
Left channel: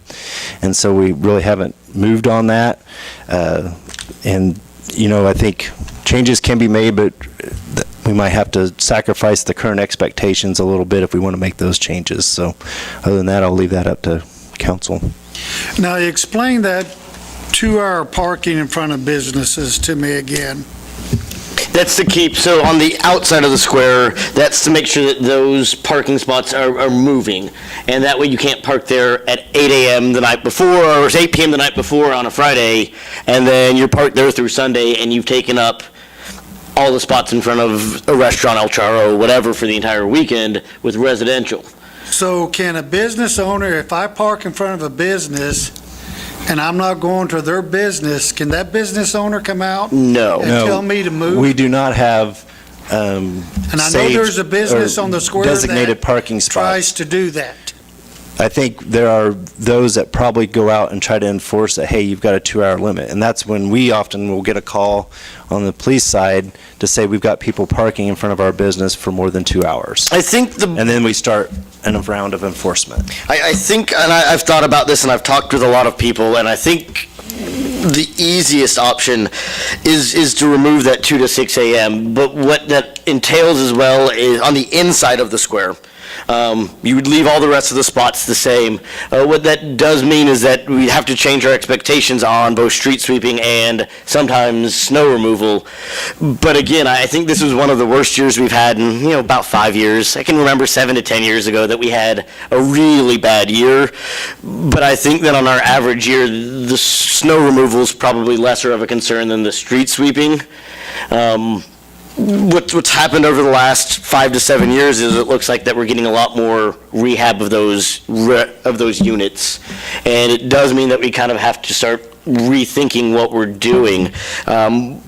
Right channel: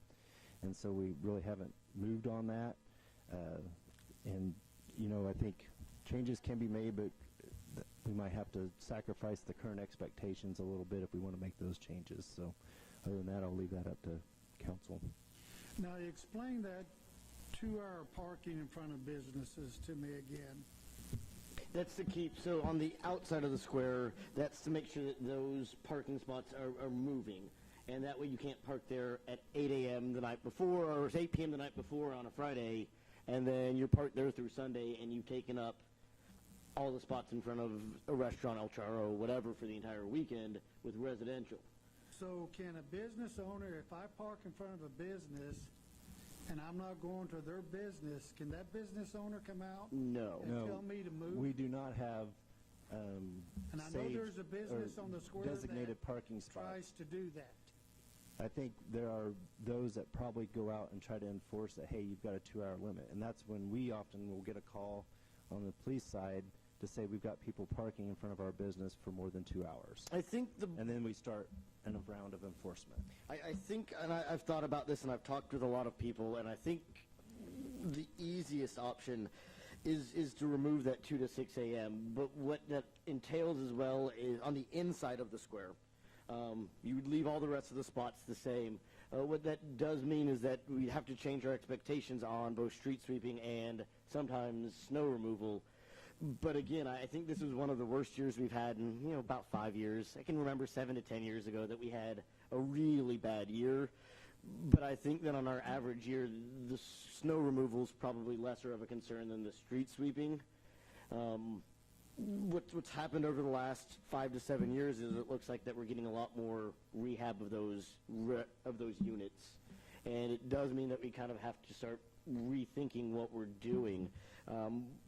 And so we really haven't moved on that. And, I think changes can be made, but we might have to sacrifice the current expectations a little bit if we want to make those changes. So other than that, I'll leave that up to council. Now, explain that 2-hour parking in front of businesses to me again. That's to keep, so on the outside of the square, that's to make sure that those parking spots are moving. And that way you can't park there at 8 a.m. the night before, or 8 p.m. the night before on a Friday, and then you're parked there through Sunday, and you've taken up all the spots in front of a restaurant, El Charro, whatever, for the entire weekend with residential. So can a business owner, if I park in front of a business and I'm not going to their business, can that business owner come out No. and tell me to move? We do not have And I know there's a business on the square designated that parking spots. tries to do that. I think there are those that probably go out and try to enforce that, hey, you've got a 2-hour limit. And that's when we often will get a call on the police side to say we've got people parking in front of our business for more than 2 hours. I think And then we start a round of enforcement. I think, and I've thought about this, and I've talked with a lot of people, and I think the easiest option is to remove that 2 to 6 a.m. But what that entails as well is on the inside of the square. You would leave all the rest of the spots the same. What that does mean is that we have to change our expectations on both street sweeping and sometimes snow removal. But again, I think this was one of the worst years we've had in, about 5 years. I can remember 7 to 10 years ago that we had a really bad year. But I think that on our average year, the snow removal is probably lesser of a concern than the street sweeping. What's happened over the last 5 to 7 years is it looks like that we're getting a lot more rehab of those units. And it does mean that we kind of have to start rethinking what we're doing. And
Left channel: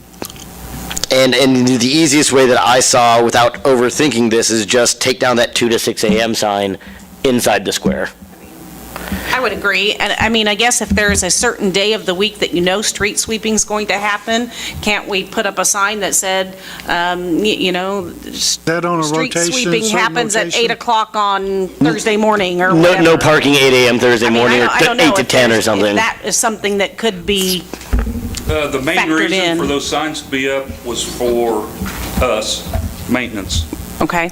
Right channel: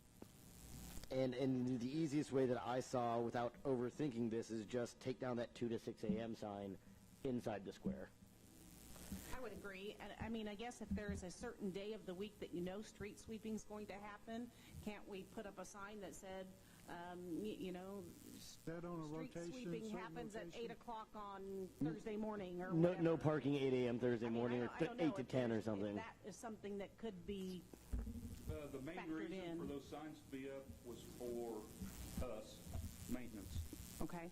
the easiest way that I saw without overthinking this is just take down that 2 to 6 a.m. sign inside the square. I would agree. And I guess if there's a certain day of the week that street sweeping's going to happen, can't we put up a sign that said, That on a street rotation, sweeping certain happens at rotation? 8 o'clock on Thursday morning or No, whatever? no parking 8 a.m. Thursday morning or I don't know 8 to if 10 or there's- something. If that is something that could be, The main Factored reason in. for those signs to be up was for us, maintenance. okay?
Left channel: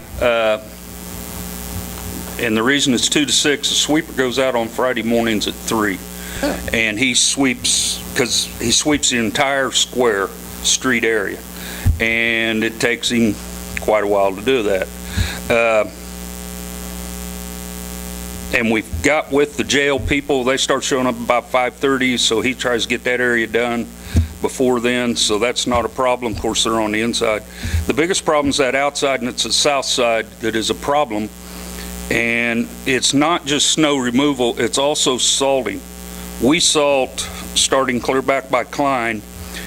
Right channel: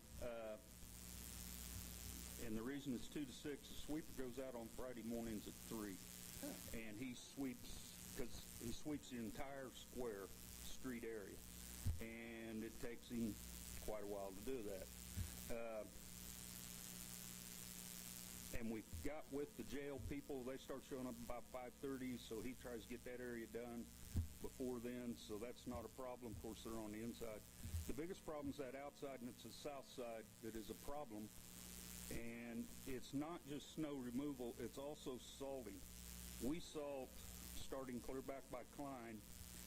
And the reason it's 2 to 6, the sweeper goes out on Friday mornings at 3. And he sweeps, because he sweeps the entire square street area. And it takes him quite a while to do that. And we've got with the jail people, they start showing up about 5:30, so he tries to get that area done before then, so that's not a problem. Of course, they're on the inside. The biggest problem is that outside, and it's the south side that is a problem. And it's not just snow removal, it's also salting. We salt starting clear back by Klein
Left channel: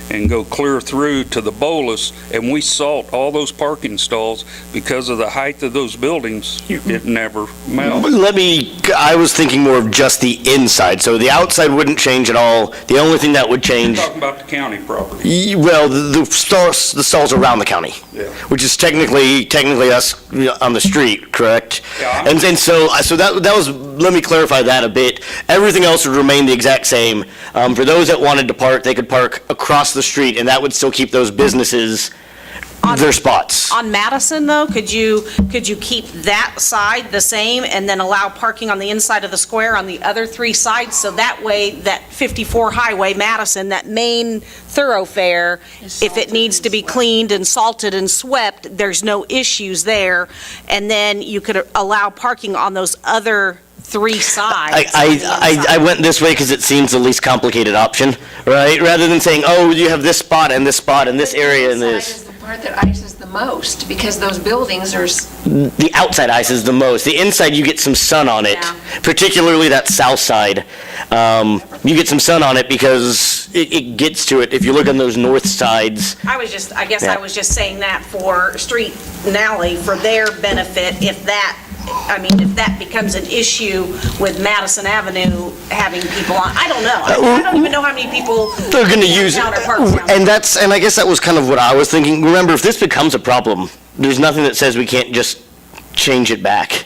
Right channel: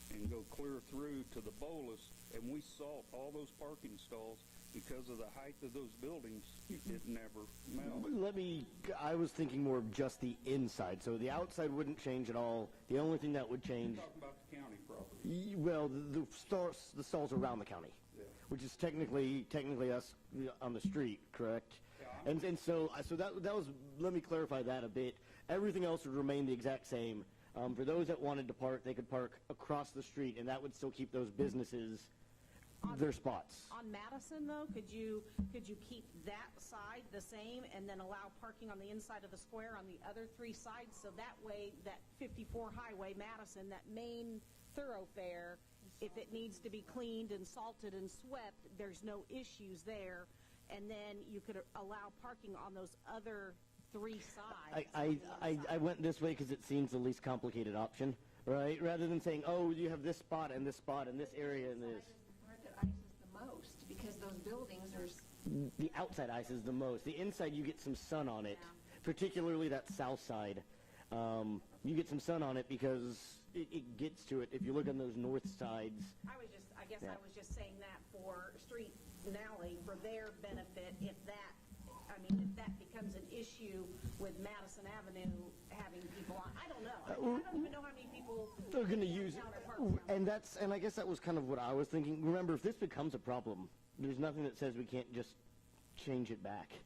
and go clear through to the Bolus, and we salt all those parking stalls because of the height of those buildings. It never melts. I was thinking more of just the inside, so the outside wouldn't change at all. The only thing that would You're change, talking about the county property. well, the stalls around the county, Yeah. which is technically us on the street, correct? Yeah. And so that was, let me clarify that a bit. Everything else would remain the exact same. For those that wanted to park, they could park across the street, and that would still keep those businesses their spots. On Madison, though, could you keep that side the same and then allow parking on the inside of the square on the other 3 sides? So that way, that 54 Highway, Madison, that main thoroughfare, if it needs to be cleaned and salted and swept, there's no issues there. And then you could allow parking on those other 3 sides. I went this way because it seems the least complicated option, right? Rather than saying, oh, you have this spot and this spot and this area and this. Is the part that ices the most, because those buildings are, The outside ice is the most. The inside, you get some sun on it, Yeah. particularly that south side. You get some sun on it because it gets to it. If you look on those north sides, I guess I was just saying that for street and alley, for their benefit, if that becomes an issue with Madison Avenue having people on, I don't know. I don't even know how many people they're going to use it. downtown or parks downtown. And I guess that was kind of what I was thinking. Remember, if this becomes a problem, there's nothing that says we can't just change it back.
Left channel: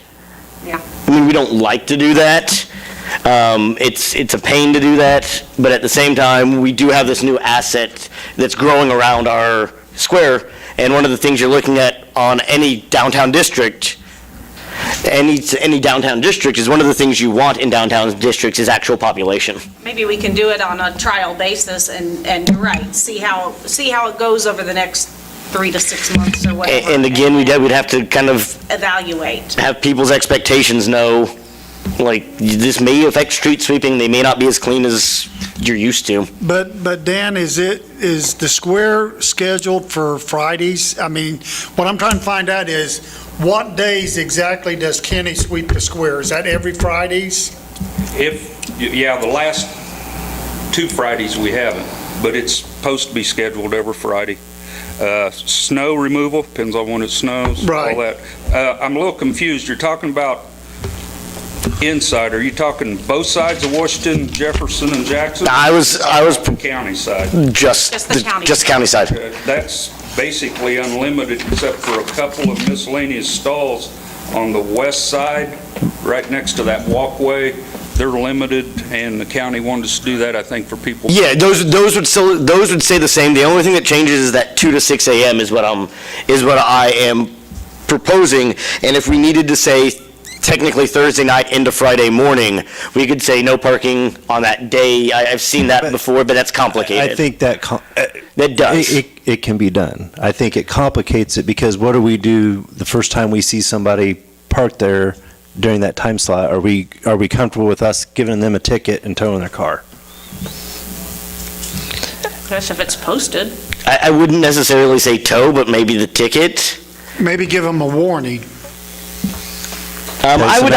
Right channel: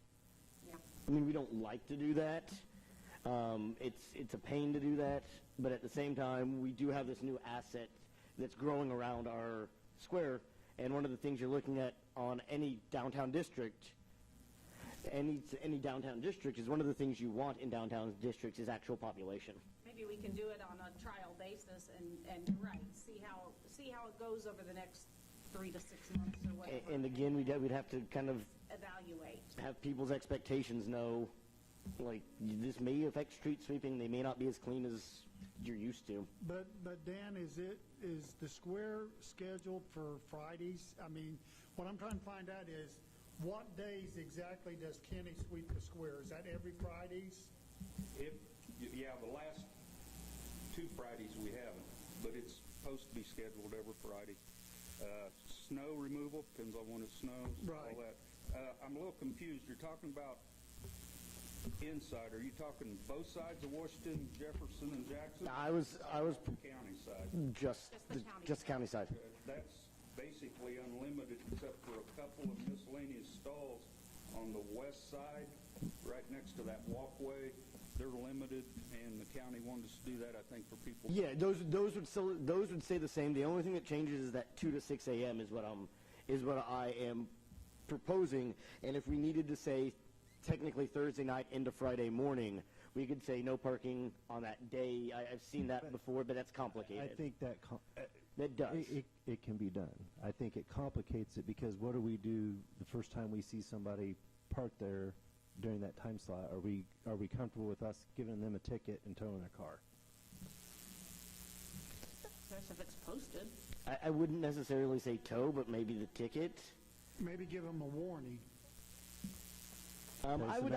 Yeah. I mean, we don't like to do that. It's a pain to do that, but at the same time, we do have this new asset that's growing around our square, and one of the things you're looking at on any downtown district, any downtown district, is one of the things you want in downtown districts is actual population. Maybe we can do it on a trial basis and you're right, see how it goes over the next 3 to 6 months or whatever. And again, we'd have to kind of Evaluate. have people's expectations know, like, this may affect street sweeping, they may not be as clean as you're used to. But Dan, is the square scheduled for Fridays? I mean, what I'm trying to find out is, what days exactly does Kenny sweep the square? Is that every Fridays? The last 2 Fridays we haven't, but it's supposed to be scheduled every Friday. Snow removal, depends on when it snows, Right. all that. I'm a little confused. You're talking about inside. Are you talking both sides of Washington, Jefferson, and Jackson? I was County side. just the county. just county side. That's basically unlimited except for a couple of miscellaneous stalls on the west side, right next to that walkway. They're limited, and the county wanted us to do that, I think, for people. Yeah, those would stay the same. The only thing that changes is that 2 to 6 a.m. is what I am proposing. And if we needed to say technically Thursday night into Friday morning, we could say no parking on that day. I've seen that before, but that's complicated. I think that does. it can be done. I think it complicates it because what do we do the first time we see somebody parked there during that time slot? Are we comfortable with us giving them a ticket and towing their car? Guess if it's posted. I wouldn't necessarily say tow, but maybe the ticket. Maybe give them a warning. I would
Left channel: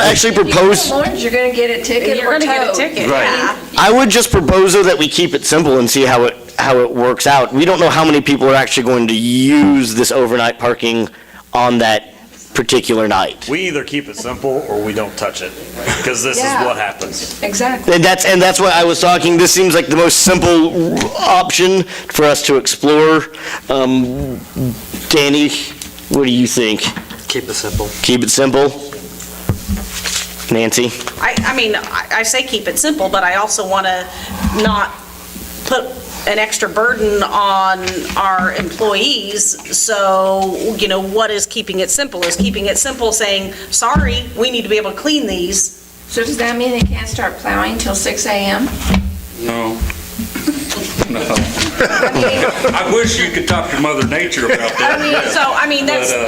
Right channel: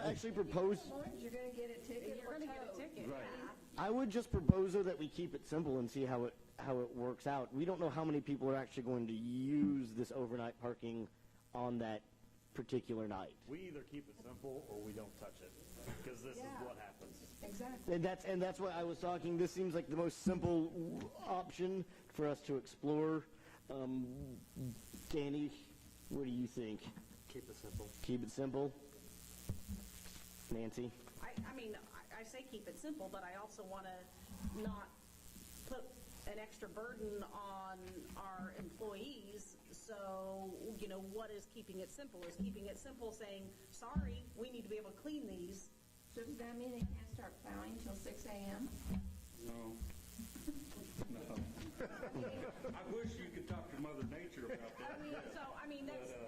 actually propose. You warned you're going to get a ticket You're or going to get a towed. ticket. Right. Yeah. I would just propose, though, that we keep it simple and see how it works out. We don't know how many people are actually going to use this overnight parking on that particular night. We either keep it simple or we don't touch it, because this is Yeah. what happens. Exactly. And that's why I was talking, this seems like the most simple option for us to explore. Danny, what do you think? Keep it simple. Keep it simple? Nancy? I say keep it simple, but I also want to not put an extra burden on our employees. So, what is keeping it simple? Is keeping it simple saying, sorry, we need to be able to clean these? So does that mean they can't start plowing till 6 a.m.? No. No. I wish you could talk to Mother Nature about that.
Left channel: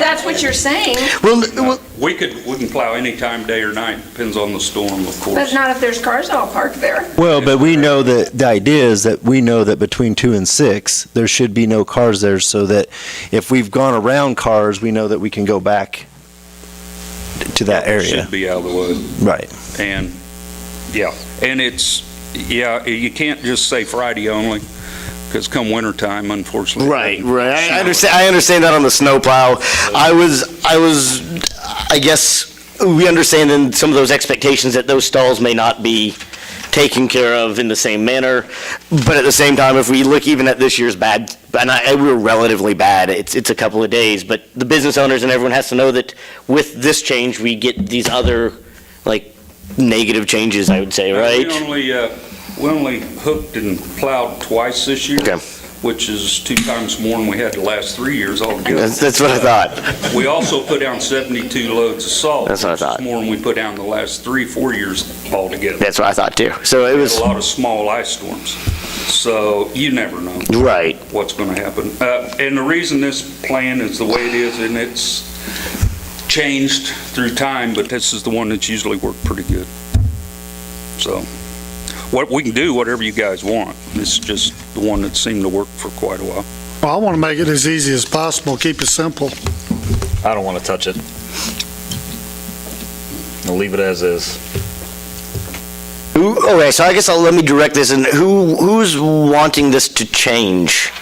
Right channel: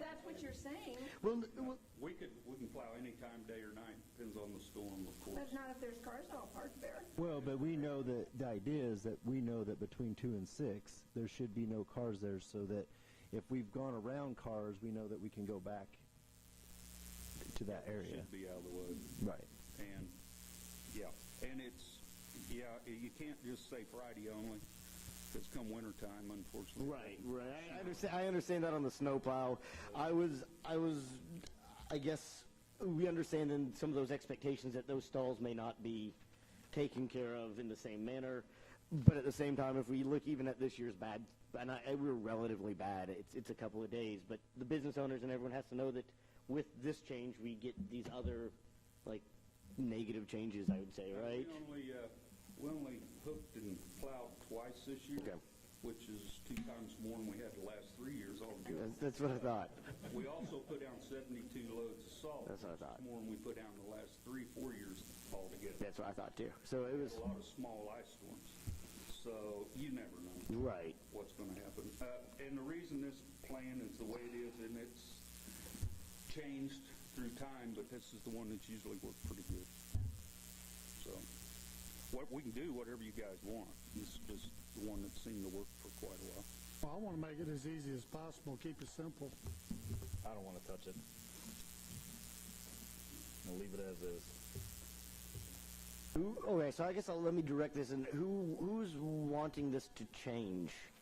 That's what you're saying, Well, We can plow any time, day or night, depends on the storm, of but course. not if there's cars all parked there. Well, but we know that the idea is that we know that between 2 and 6, there should be no cars there, so that if we've gone around cars, we know that we can go back to that area. Should be out of the way. Right. And, you can't just say Friday only, because come wintertime, unfortunately. Right. I understand that on the snowplow. I guess we understand in some of those expectations that those stalls may not be taken care of in the same manner. But at the same time, if we look even at this year's bad, and we were relatively bad, it's a couple of days, but the business owners and everyone has to know that with this change, we get these other, negative changes, I would say, right? We only hooked and plowed twice this year, Okay. which is 2 times more than we had the last 3 years altogether. That's what I thought. We also put down 72 loads of salt. That's what I thought. Which is more than we put down the last 3-4 years altogether. That's what I thought too. So it We was, had a lot of small ice storms. So you never know right. what's going to happen. And the reason this plan is the way it is, and it's changed through time, but this is the one that's usually worked pretty good. So what we can do, whatever you guys want. This is just the one that seemed to work for quite a while. Well, I want to make it as easy as possible, keep it simple. I don't want to touch it. I'll leave it as is. Okay, so I guess let me direct this, and who's wanting this to change?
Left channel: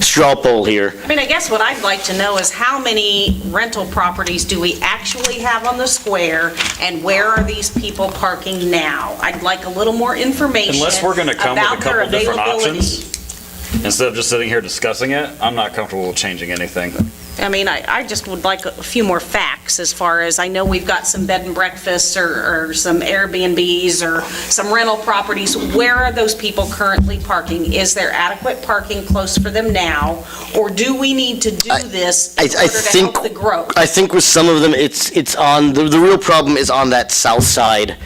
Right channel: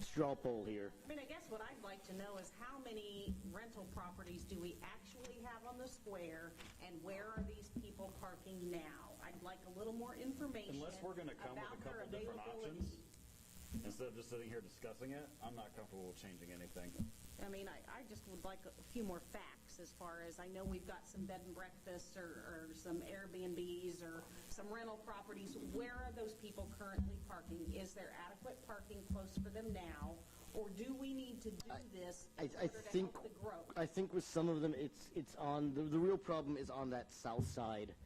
Straw poll here. I mean, I guess what I'd like to know is how many rental properties do we actually have on the square, and where are these people parking now? I'd like a little more information Unless we're going to come with a about their couple different availability. options, instead of just sitting here discussing it, I'm not comfortable with changing anything. I mean, I just would like a few more facts as far as, I know we've got some bed and breakfasts or some Airbnbs or some rental properties. Where are those people currently parking? Is there adequate parking close for them now? Or do we need to do this in order to help the growth? I think with some of them, it's on, the real problem is on that south side,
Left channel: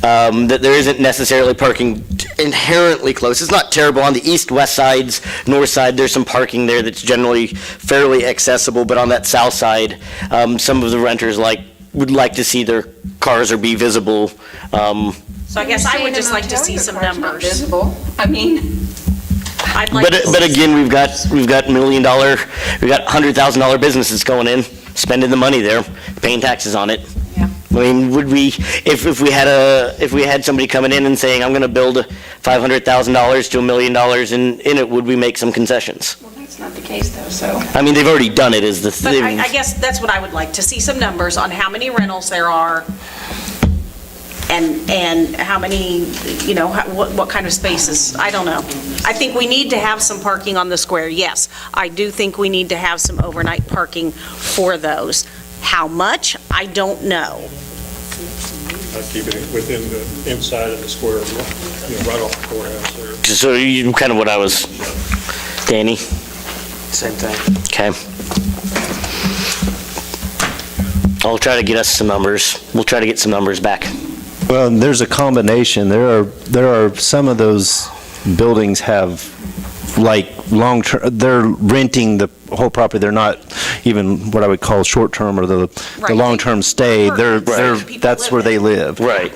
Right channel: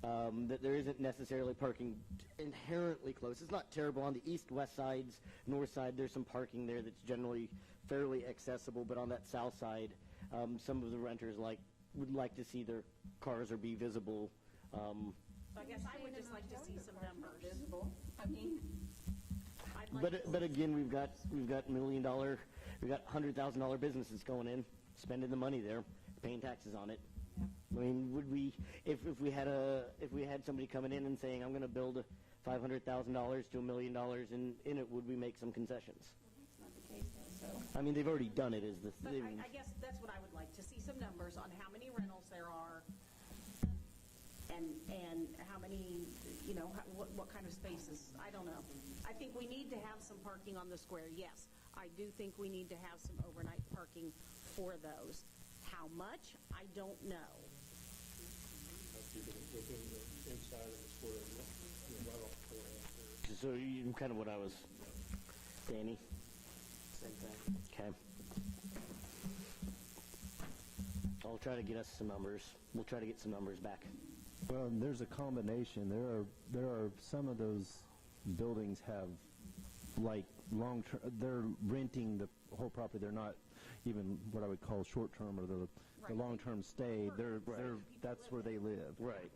that there isn't necessarily parking inherently close. It's not terrible. On the east, west sides, north side, there's some parking there that's generally fairly accessible, but on that south side, some of the renters would like to see their cars or be visible. So I guess I would just like to see some numbers. Visible. I mean, I'd like to But see again, we've got $1 million, we've got $100,000 businesses going in, spending the money there, paying taxes on it. Yeah. I mean, would we, if we had somebody coming in and saying, I'm gonna build $500,000 to $1 million in it, would we make some concessions? well, that's not the case though, so. I mean, they've already done it, is the But thing. I guess that's what I would like, to see some numbers on how many rentals there are and how many, what kind of spaces. I don't know. I think we need to have some parking on the square, yes. I do think we need to have some overnight parking for those. How much? I don't know. I'd keep it within the inside of the square, right off the courthouse there. So you, kind of what I was, Danny? Same thing. Okay. I'll try to get us some numbers. We'll try to get some numbers back. Well, there's a combination. There are some of those buildings have long-term, they're renting the whole property. They're not even what I would call short-term or the Right. long-term stay. Right. That's where they live. Right.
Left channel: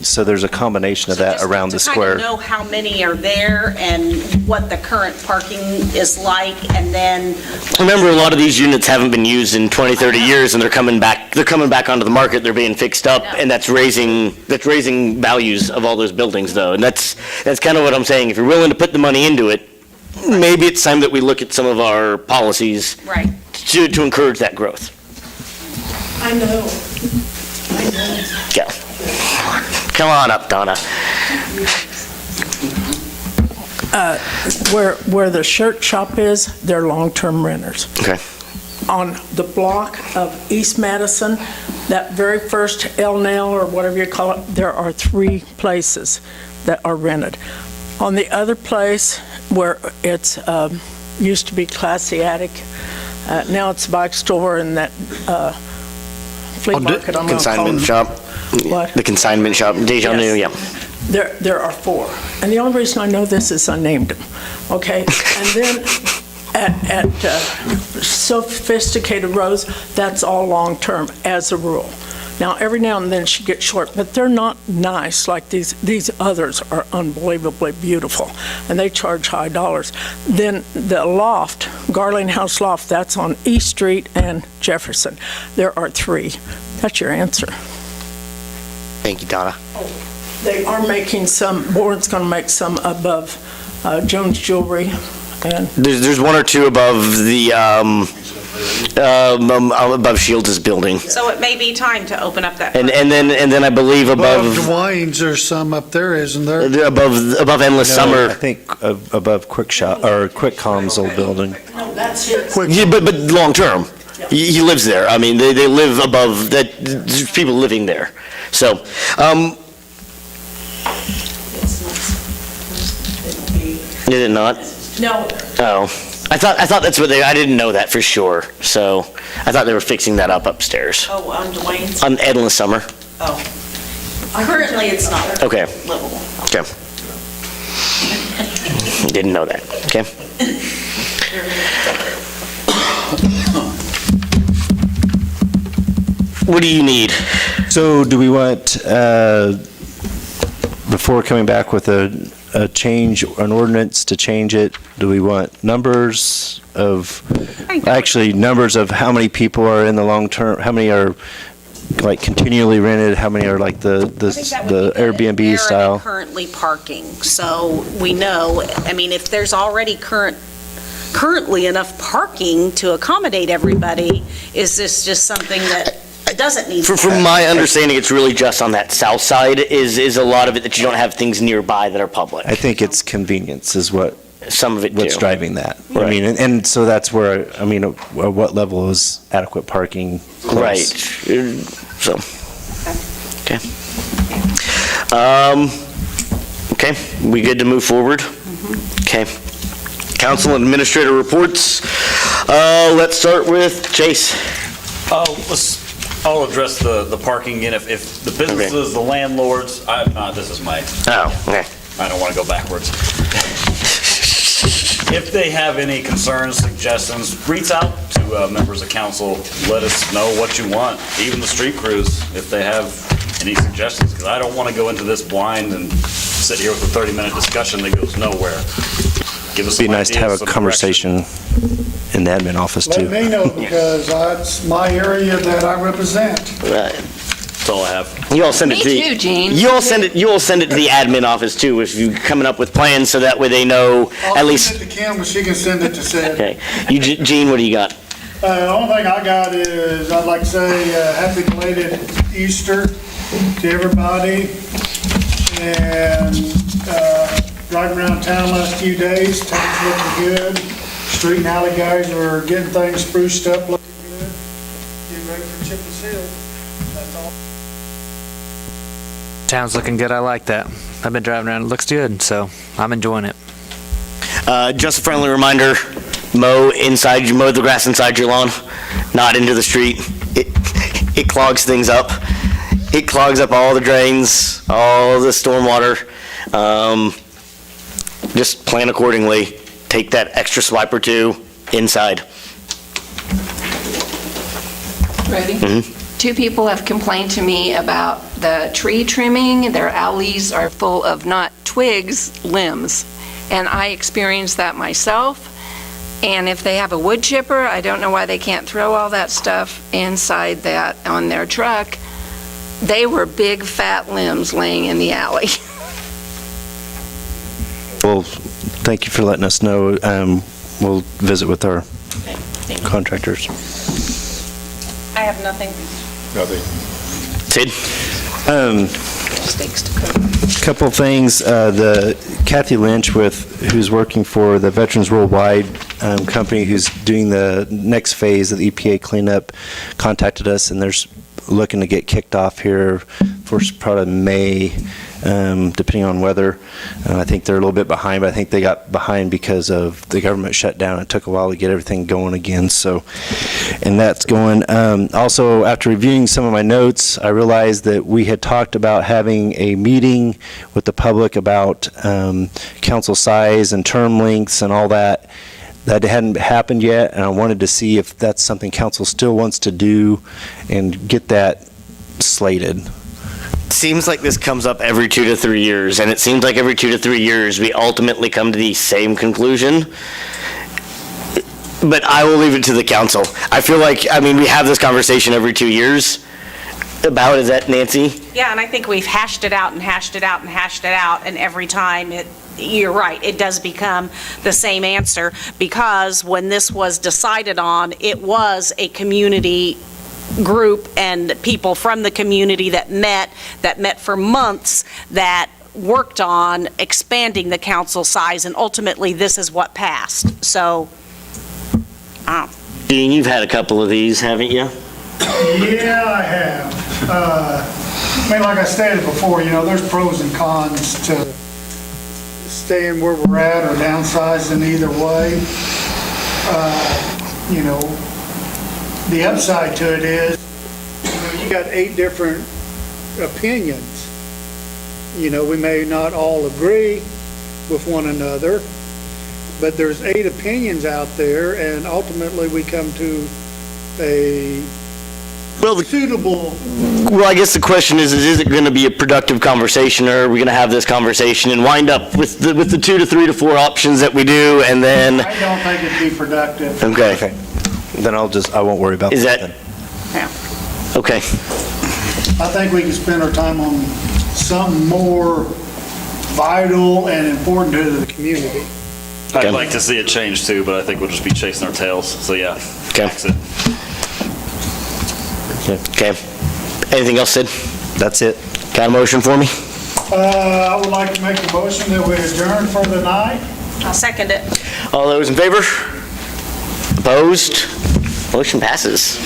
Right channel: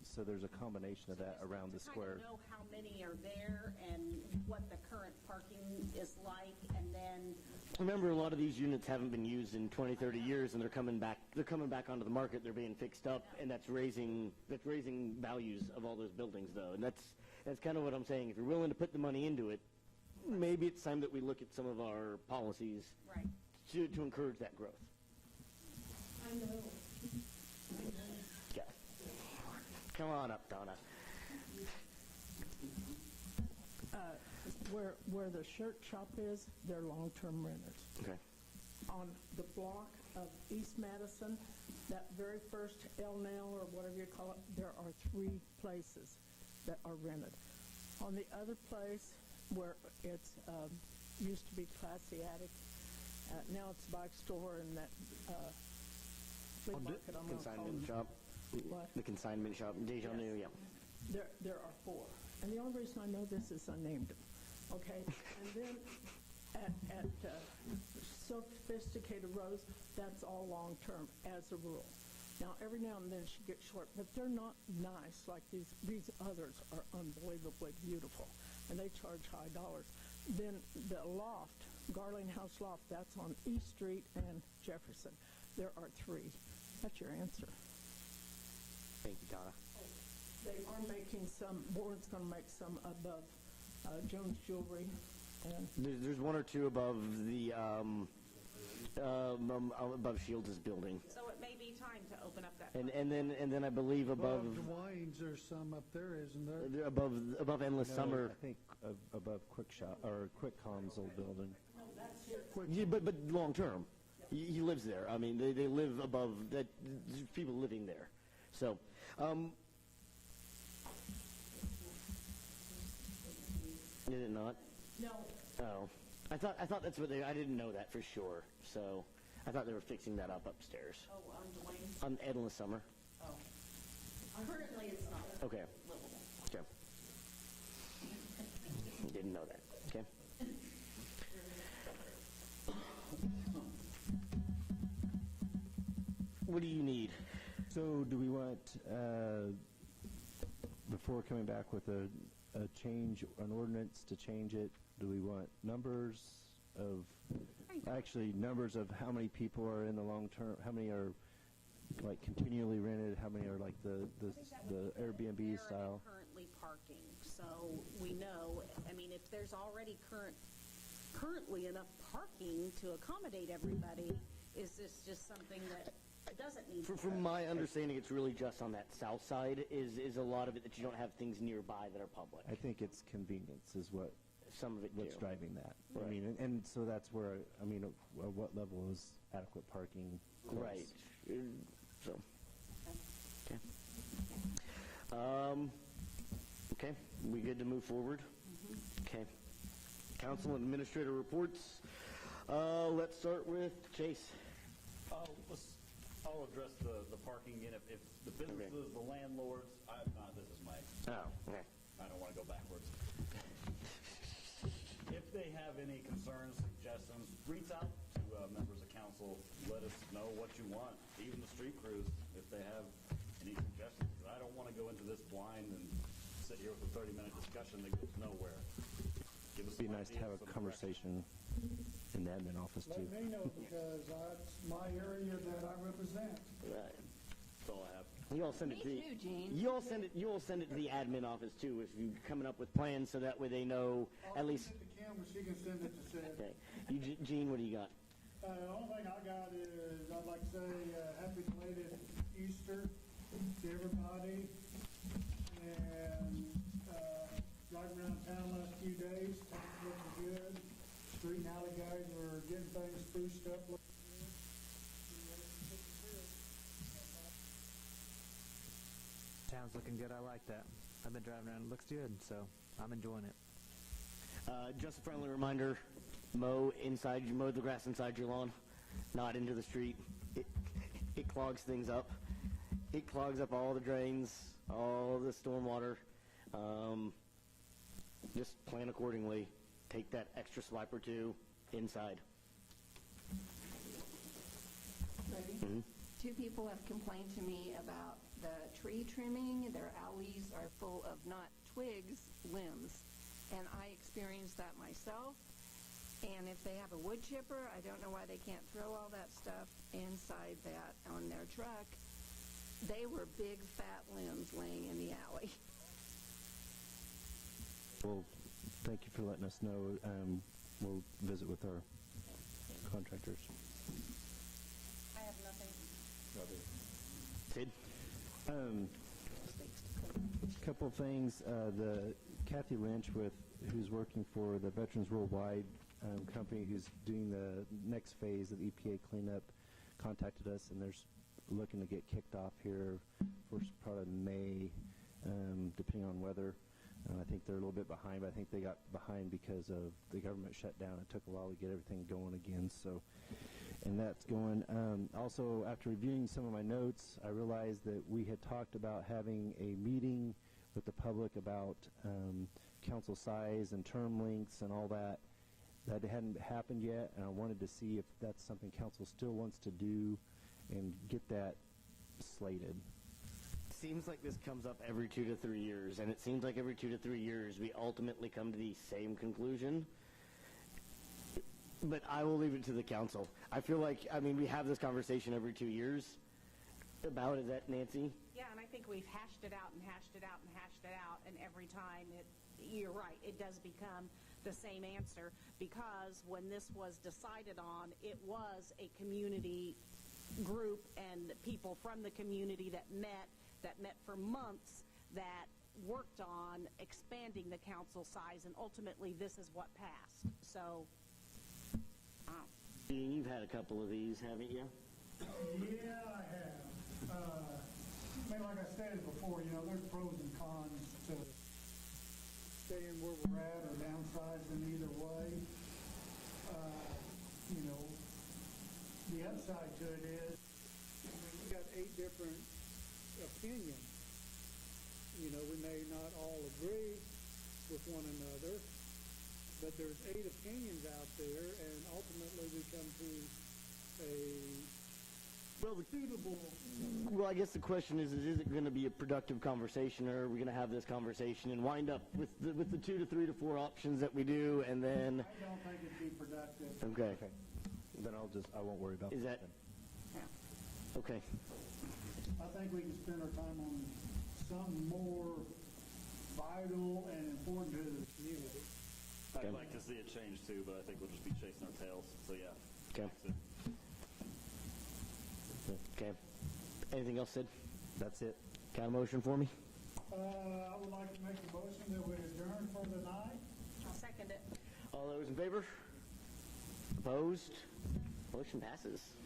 So there's a combination of that around the To square. kind of know how many are there and what the current parking is like, and then, Remember, a lot of these units haven't been used in 20, 30 years, and they're coming back onto the market, they're being fixed up, and that's raising values of all those buildings, though. And that's kind of what I'm saying. If you're willing to put the money into it, maybe it's time that we look at some of our policies right. to encourage that growth. I know. Yeah. Come on up, Donna. Where the shirt shop is, they're long-term renters. Okay. On the block of East Madison, that very first El Nail or whatever you call it, there are 3 places that are rented. On the other place where it's used to be Classy Attic, now it's a bike store and that flea market. I'm gonna call Consignment them. shop. What? The consignment shop, Deja New, yeah. There are 4. And the only reason I know this is I named them, okay? And then at Sophisticated Rose, that's all long-term as a rule. Now, every now and then she gets short, but they're not nice like these others are unbelievably beautiful, and they charge high dollars. Then the loft, Garling House Loft, that's on East Street and Jefferson. There are 3. That's your answer. Thank you, Donna. They are making some, Board's going to make some above Jones Jewelry, and There's 1 or 2 above the, above Shields' building. So it may be time to open up that. And then I believe Above above, Dwayne's, there's some up there, isn't there? above Endless No, Summer. I think above Quick Shop, or Quick Com's old building. no, that's his. Yeah, but long-term. He lives there. I mean, they live above, there's people living there. So, is it not? No, Oh, I thought that's what I didn't know that for sure. So, I thought they were fixing that up upstairs. Oh, on Dwayne's? On Endless Summer. Oh. Currently, it's not Okay, livable. okay. Didn't know that, okay. What do you need? So do we want, before coming back with a change, an ordinance to change it, do we want numbers of, actually numbers of how many people are in the long term, how many are like continually rented? How many are like the Airbnb Where are style? they currently parking? So we know, I mean, if there's already currently enough parking to accommodate everybody, is this just something that doesn't need? From my understanding, it's really just on that south side is a lot of it that you don't have things nearby that are public. I think it's convenience is what Some of it what's do. driving that. I Right. mean, and so that's where, I mean, at what level is adequate parking close? Right. So, okay. Okay, we good to move forward? Okay. Council and administrator reports. Let's start with Chase. I'll address the parking again. If the businesses, the landlords, this is my, Oh, okay. I don't want to go backwards. If they have any concerns, suggestions, reach out to members of council. Let us know what you want, even the street crews, if they have any suggestions, because I don't want to go into this blind and sit here with a 30-minute discussion that goes nowhere. Give us It'd be some nice to have ideas, a some conversation in the admin office too. Let me know, because that's my area that I represent. Right. That's all I have. You all send it Me to the. too, Gene. You all send it to the admin office too, if you're coming up with plans, so that way they know at I'll least. send it to Kim, and she can send it to Sid. Okay. Gene, what do you got? The only thing I got is, I'd like to say, happy belated Easter to everybody. And driving around town last few days, town's looking good. Street and alley guys are getting things spruced up, looking good. Getting ready for chip and seal. That's all. Town's looking good. I like that. I've been driving around. It looks good, so I'm enjoying it. Just a friendly reminder, mow the grass inside your lawn, not into the street. It clogs things up. It clogs up all the drains, all the stormwater. Just plan accordingly. Take that extra swipe or two inside. Ready? Two people have complained to me about the tree trimming. Their alleys are full of not twigs, limbs. And I experienced that myself. And if they have a wood chipper, I don't know why they can't throw all that stuff inside that on their truck. They were big, fat limbs laying in the alley. Well, thank you for letting us know. We'll visit with our contractors. I have nothing. Sid? Steaks to cook. Couple of things. The Kathy Lynch, who's working for the Veterans Worldwide company, who's doing the next phase of the EPA cleanup, contacted us, and they're looking to get kicked off here for probably May, depending on weather. I think they're a little bit behind, but I think they got behind because of the government shutdown. It took a while to get everything going again. So, and that's going. Also, after reviewing some of my notes, I realized that we had talked about having a meeting with the public about council size and term lengths and all that. That hadn't happened yet, and I wanted to see if that's something council still wants to do and get that slated. Seems like this comes up every 2 to 3 years, and it seems like every 2 to 3 years we ultimately come to the same conclusion. But I will leave it to the council. I feel like, we have this conversation every 2 years about, is that Nancy? Yeah, and I think we've hashed it out and hashed it out and hashed it out, and every time you're right, it does become the same answer, because when this was decided on, it was a community group and people from the community that met for months, that worked on expanding the council size, and ultimately this is what passed. So, Dean, you've had a couple of these, haven't you? Yeah, I have. Like I stated before, there's pros and cons to staying where we're at or downsizing either way. The upside to it is, you got 8 different opinions. We may not all agree with one another, but there's 8 opinions out there, and ultimately we come to a suitable. Well, I guess the question is it going to be a productive conversation, or are we going to have this conversation and wind up with the 2 to 3 to 4 options that we do, and then? I don't think it'd be productive. Okay. Then I won't worry about Is that that? then. Okay. I think we can spend our time on something more vital and important to the community. I'd like to see it change too, but I think we'll just be chasing our tails. So yeah, tax it. Okay. Anything else, Sid? That's it. Got a motion for me? I would like to make a motion that we adjourn for the night. I'll second it. All those in favor? Opposed? Motion passes.